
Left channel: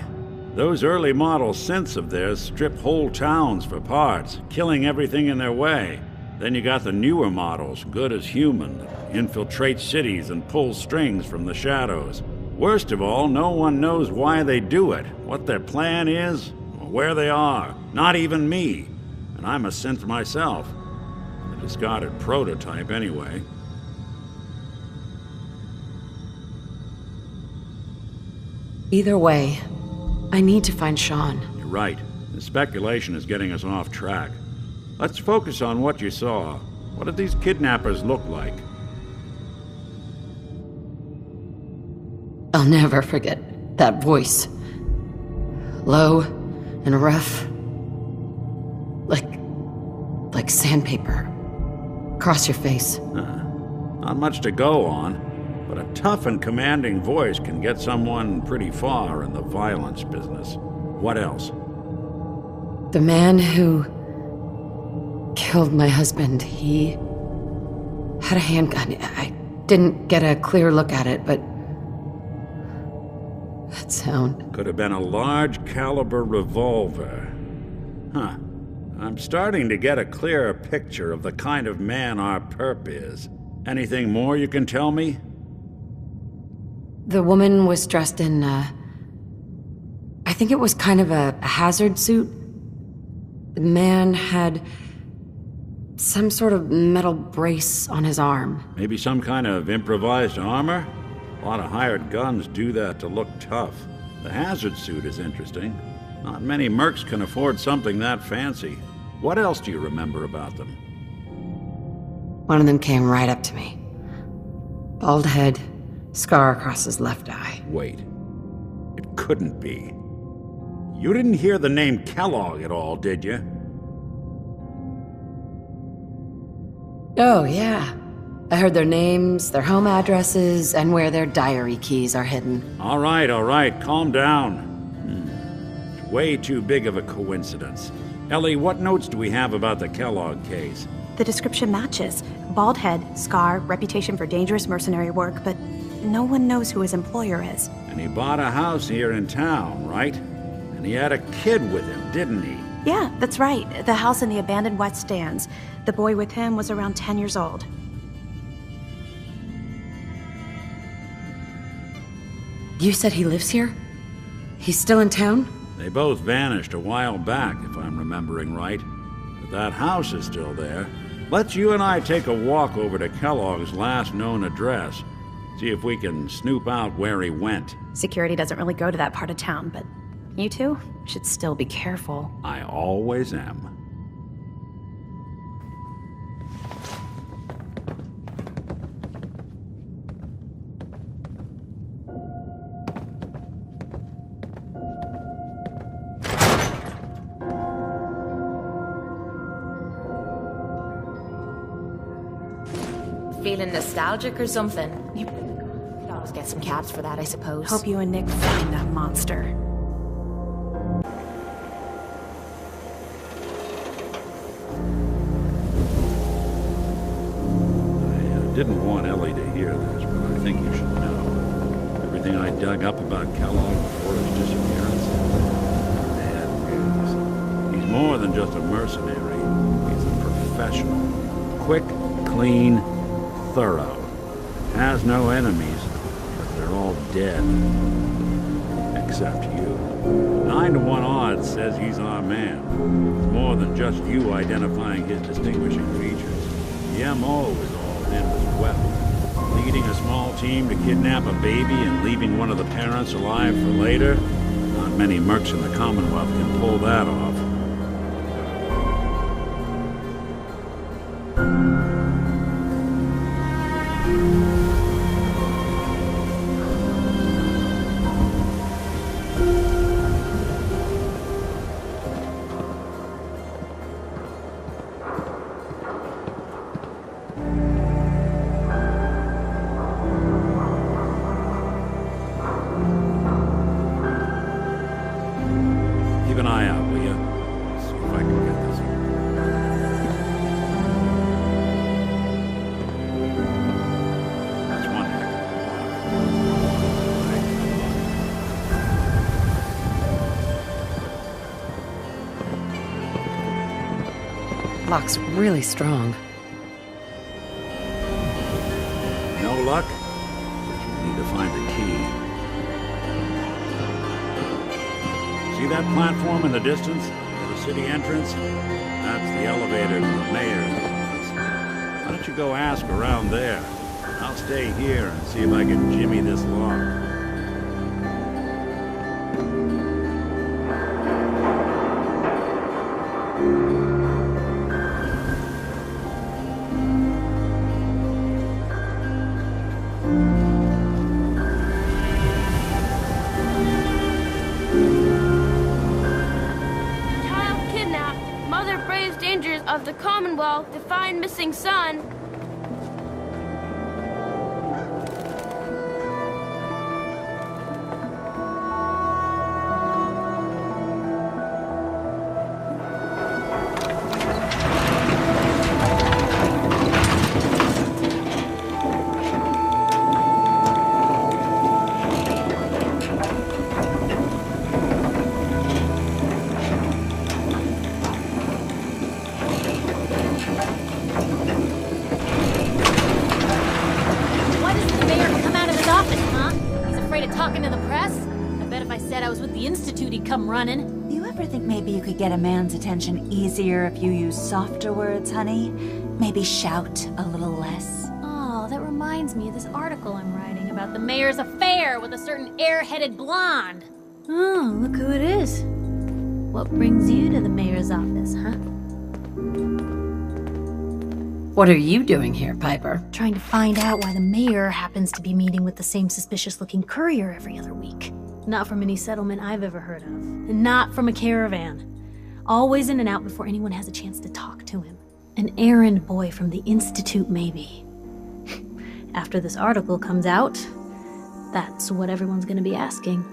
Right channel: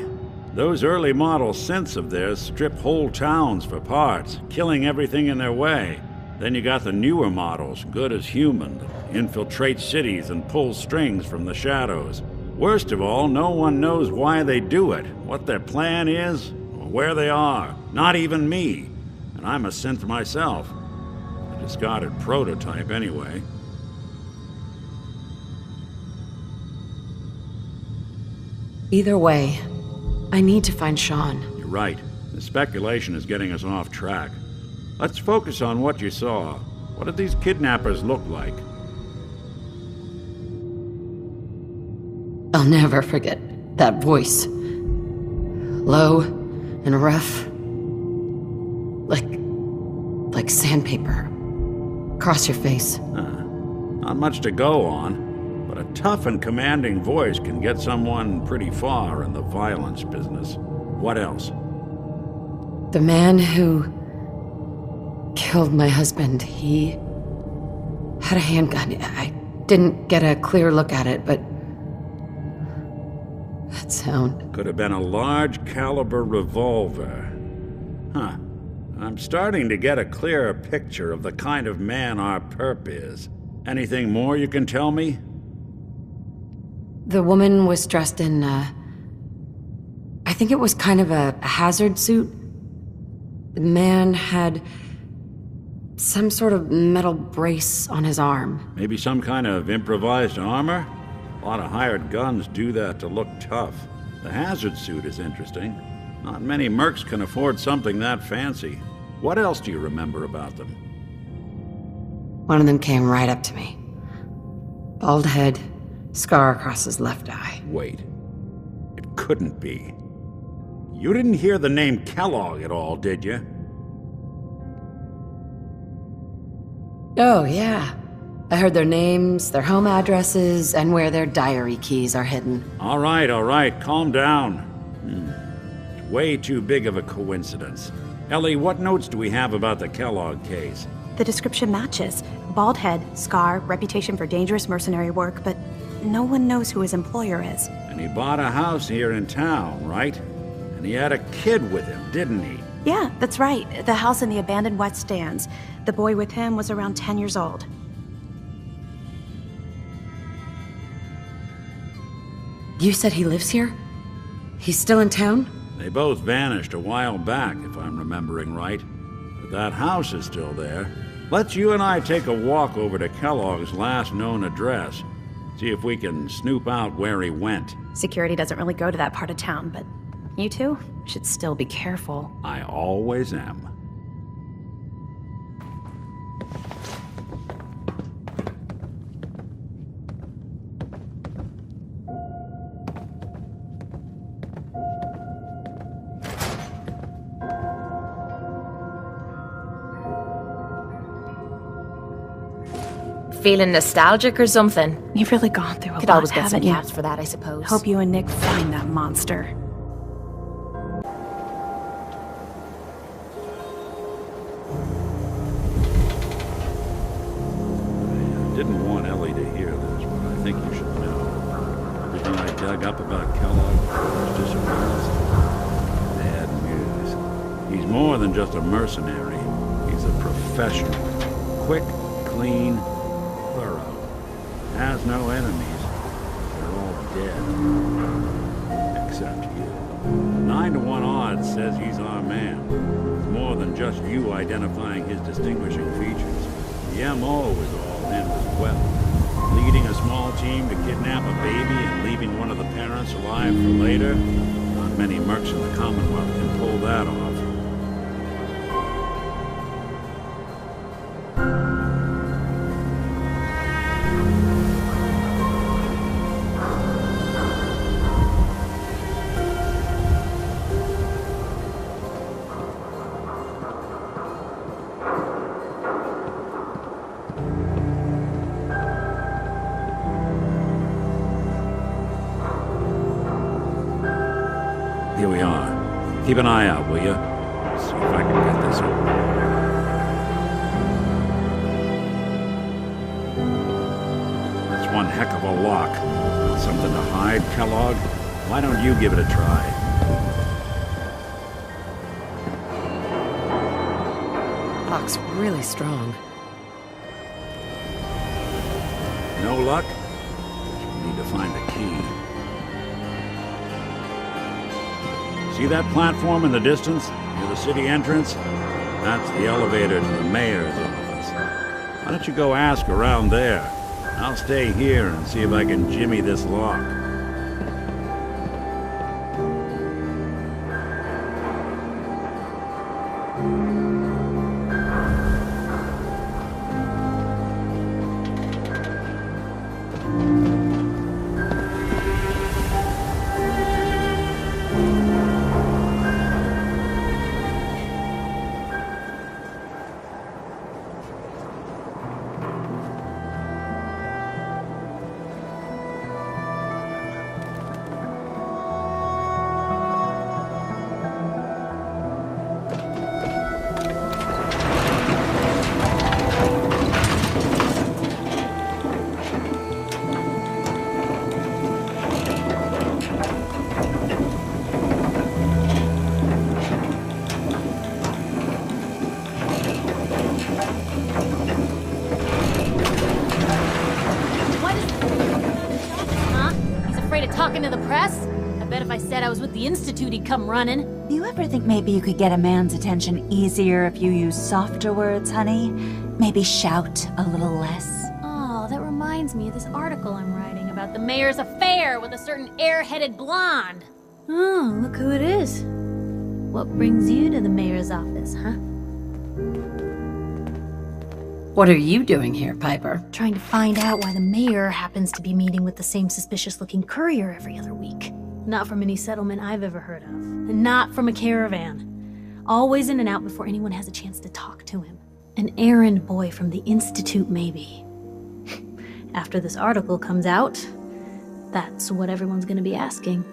Those early model synths of theirs strip whole towns for parts, killing everything in their way. Then you got the newer models, good as human, that infiltrate cities and pull strings from the shadows. Worst of all, no one knows why they do it, what their plan is, or where they are. Not even me. And I'm a synth myself. A discarded prototype, anyway. Either way, I need to find Sean. You're right. The speculation is getting us off track. Let's focus on what you saw. What did these kidnappers look like? I'll never forget that voice. Low and rough. Like sandpaper. Across your face. Not much to go on, but a tough and commanding voice can get someone pretty far in the violence business. What else? The man who killed my husband, he had a handgun. I didn't get a clear look at it, but that sound... Could have been a large caliber revolver. Huh. I'm starting to get a clearer picture of the kind of man our perp is. Anything more you can tell me? The woman was dressed in, I think it was kind of a hazard suit. The man had some sort of metal brace on his arm. Maybe some kind of improvised armor? A lot of hired guns do that to look tough. The hazard suit is interesting. Not many mercs can afford something that fancy. What else do you remember about them? One of them came right up to me. Bald head, scar across his left eye. Wait. It couldn't be. You didn't hear the name Kellogg at all, did you? Oh, yeah. I heard their names, their home addresses, and where their diary keys are hidden. All right, calm down. It's way too big of a coincidence. Ellie, what notes do we have about the Kellogg case? The description matches. Bald head, scar, reputation for dangerous mercenary work, but no one knows who his employer is. And he bought a house here in town, right? And he had a kid with him, didn't he? Yeah, that's right. The house in the abandoned West Stands. The boy with him was around 10 years old. You said he lives here? He's still in town? They both vanished a while back, if I'm remembering right. But that house is still there. Let's you and I take a walk over to Kellogg's last known address. See if we can snoop out where he went. Security doesn't really go to that part of town, but you two should still be careful. I always am. Feeling nostalgic or something? You've really gone through a Could lot, always get some haven't you? caps for that, I suppose. Hope you and Nick find that monster. I didn't want Ellie to hear this, but I think you should know. Everything I dug up about Kellogg before his disappearance, bad news. He's more than just a mercenary. He's a professional. Quick, clean, thorough. Has no enemies, because they're all dead. Except you. 9 to 1 odds says he's our man. It's more than just you identifying his distinguishing features. The MO is all him as well. Leading a small team to kidnap a baby and leaving one of the parents alive for later? Not many mercs in the Commonwealth can pull that off. Keep an eye out, will you? See if I can get this over. That's one heck of a lock. Something to hide, Kellogg? Why don't you give it a try? Lock's really strong. No luck? Guess we'll need to find a key. See that platform in the distance, near the city entrance? That's the elevator to the mayor's office. Why don't you go ask around there? I'll stay here and see if I can jimmy this lock. To find missing son. Talking to the press? I bet if I said I was with the Institute, he'd come running. Do you ever think maybe you could get a man's attention easier if you use softer words, honey? Maybe shout a little less? Oh, that reminds me of this article I'm writing about the mayor's affair with a certain air-headed blonde. Oh, look who it is. What brings you to the mayor's office, huh? What are you doing here, Piper? Trying to find out why the mayor happens to be meeting with the same suspicious-looking courier every other week. Not from any settlement I've ever heard of. And not from a caravan. Always in and out before anyone has a chance to talk to him. An errand boy from the Institute, maybe. After this article comes out, that's what everyone's gonna be asking.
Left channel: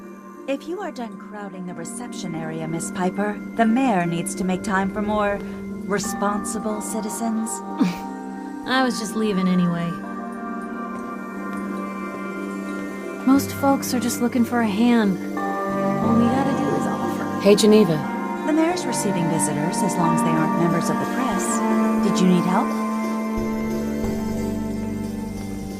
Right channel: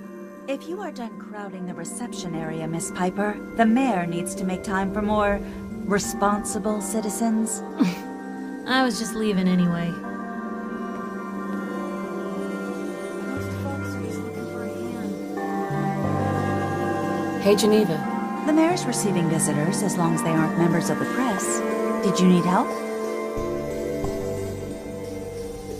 If you are done crowding the reception area, Miss Piper, the mayor needs to make time for more responsible citizens. I was just leaving anyway. Most folks are just looking for a hand. All we gotta do is offer. Hey, Geneva. The mayor's receiving visitors as long as they aren't members of the press. Did you need help?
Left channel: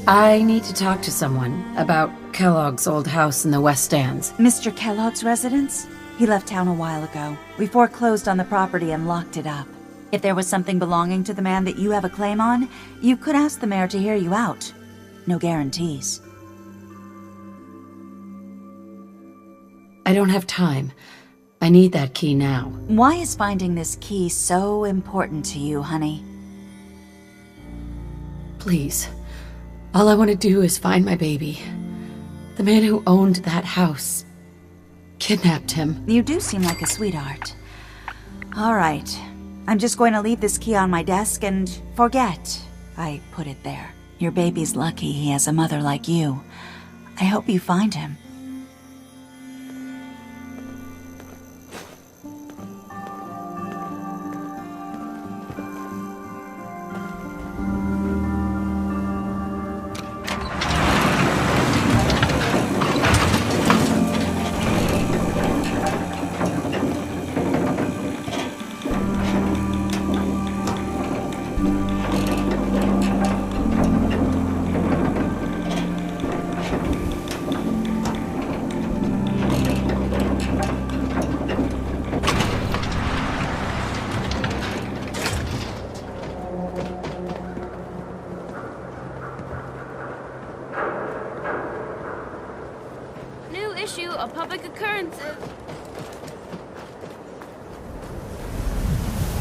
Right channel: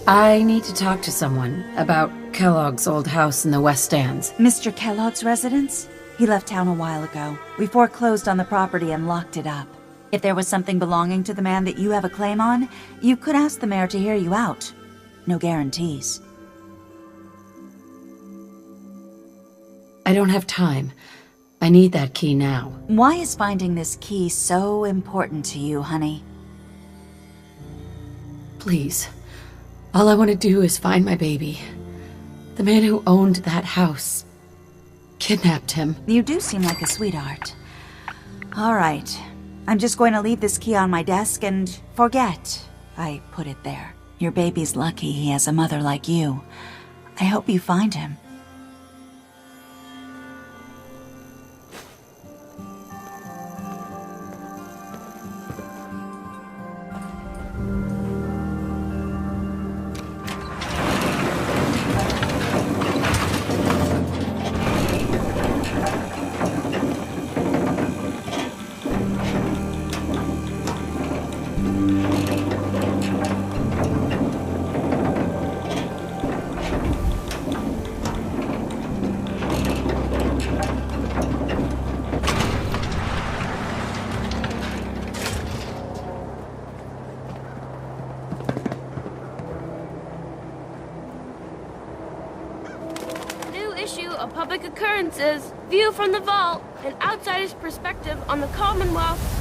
I need to talk to someone about Kellogg's old house in the West Stands. Mr. Kellogg's residence? He left town a while ago. We foreclosed on the property and locked it up. If there was something belonging to the man that you have a claim on, you could ask the mayor to hear you out. No guarantees. I don't have time. I need that key now. Why is finding this key so important to you, honey? Please. All I want to do is find my baby. The man who owned that house kidnapped him. You do seem like a sweetheart. All right. I'm just going to leave this key on my desk and forget I put it there. Your baby's lucky he has a mother like you. I hope you find him. Issue of public occurrences, view from the vault, an outsider's perspective on the Commonwealth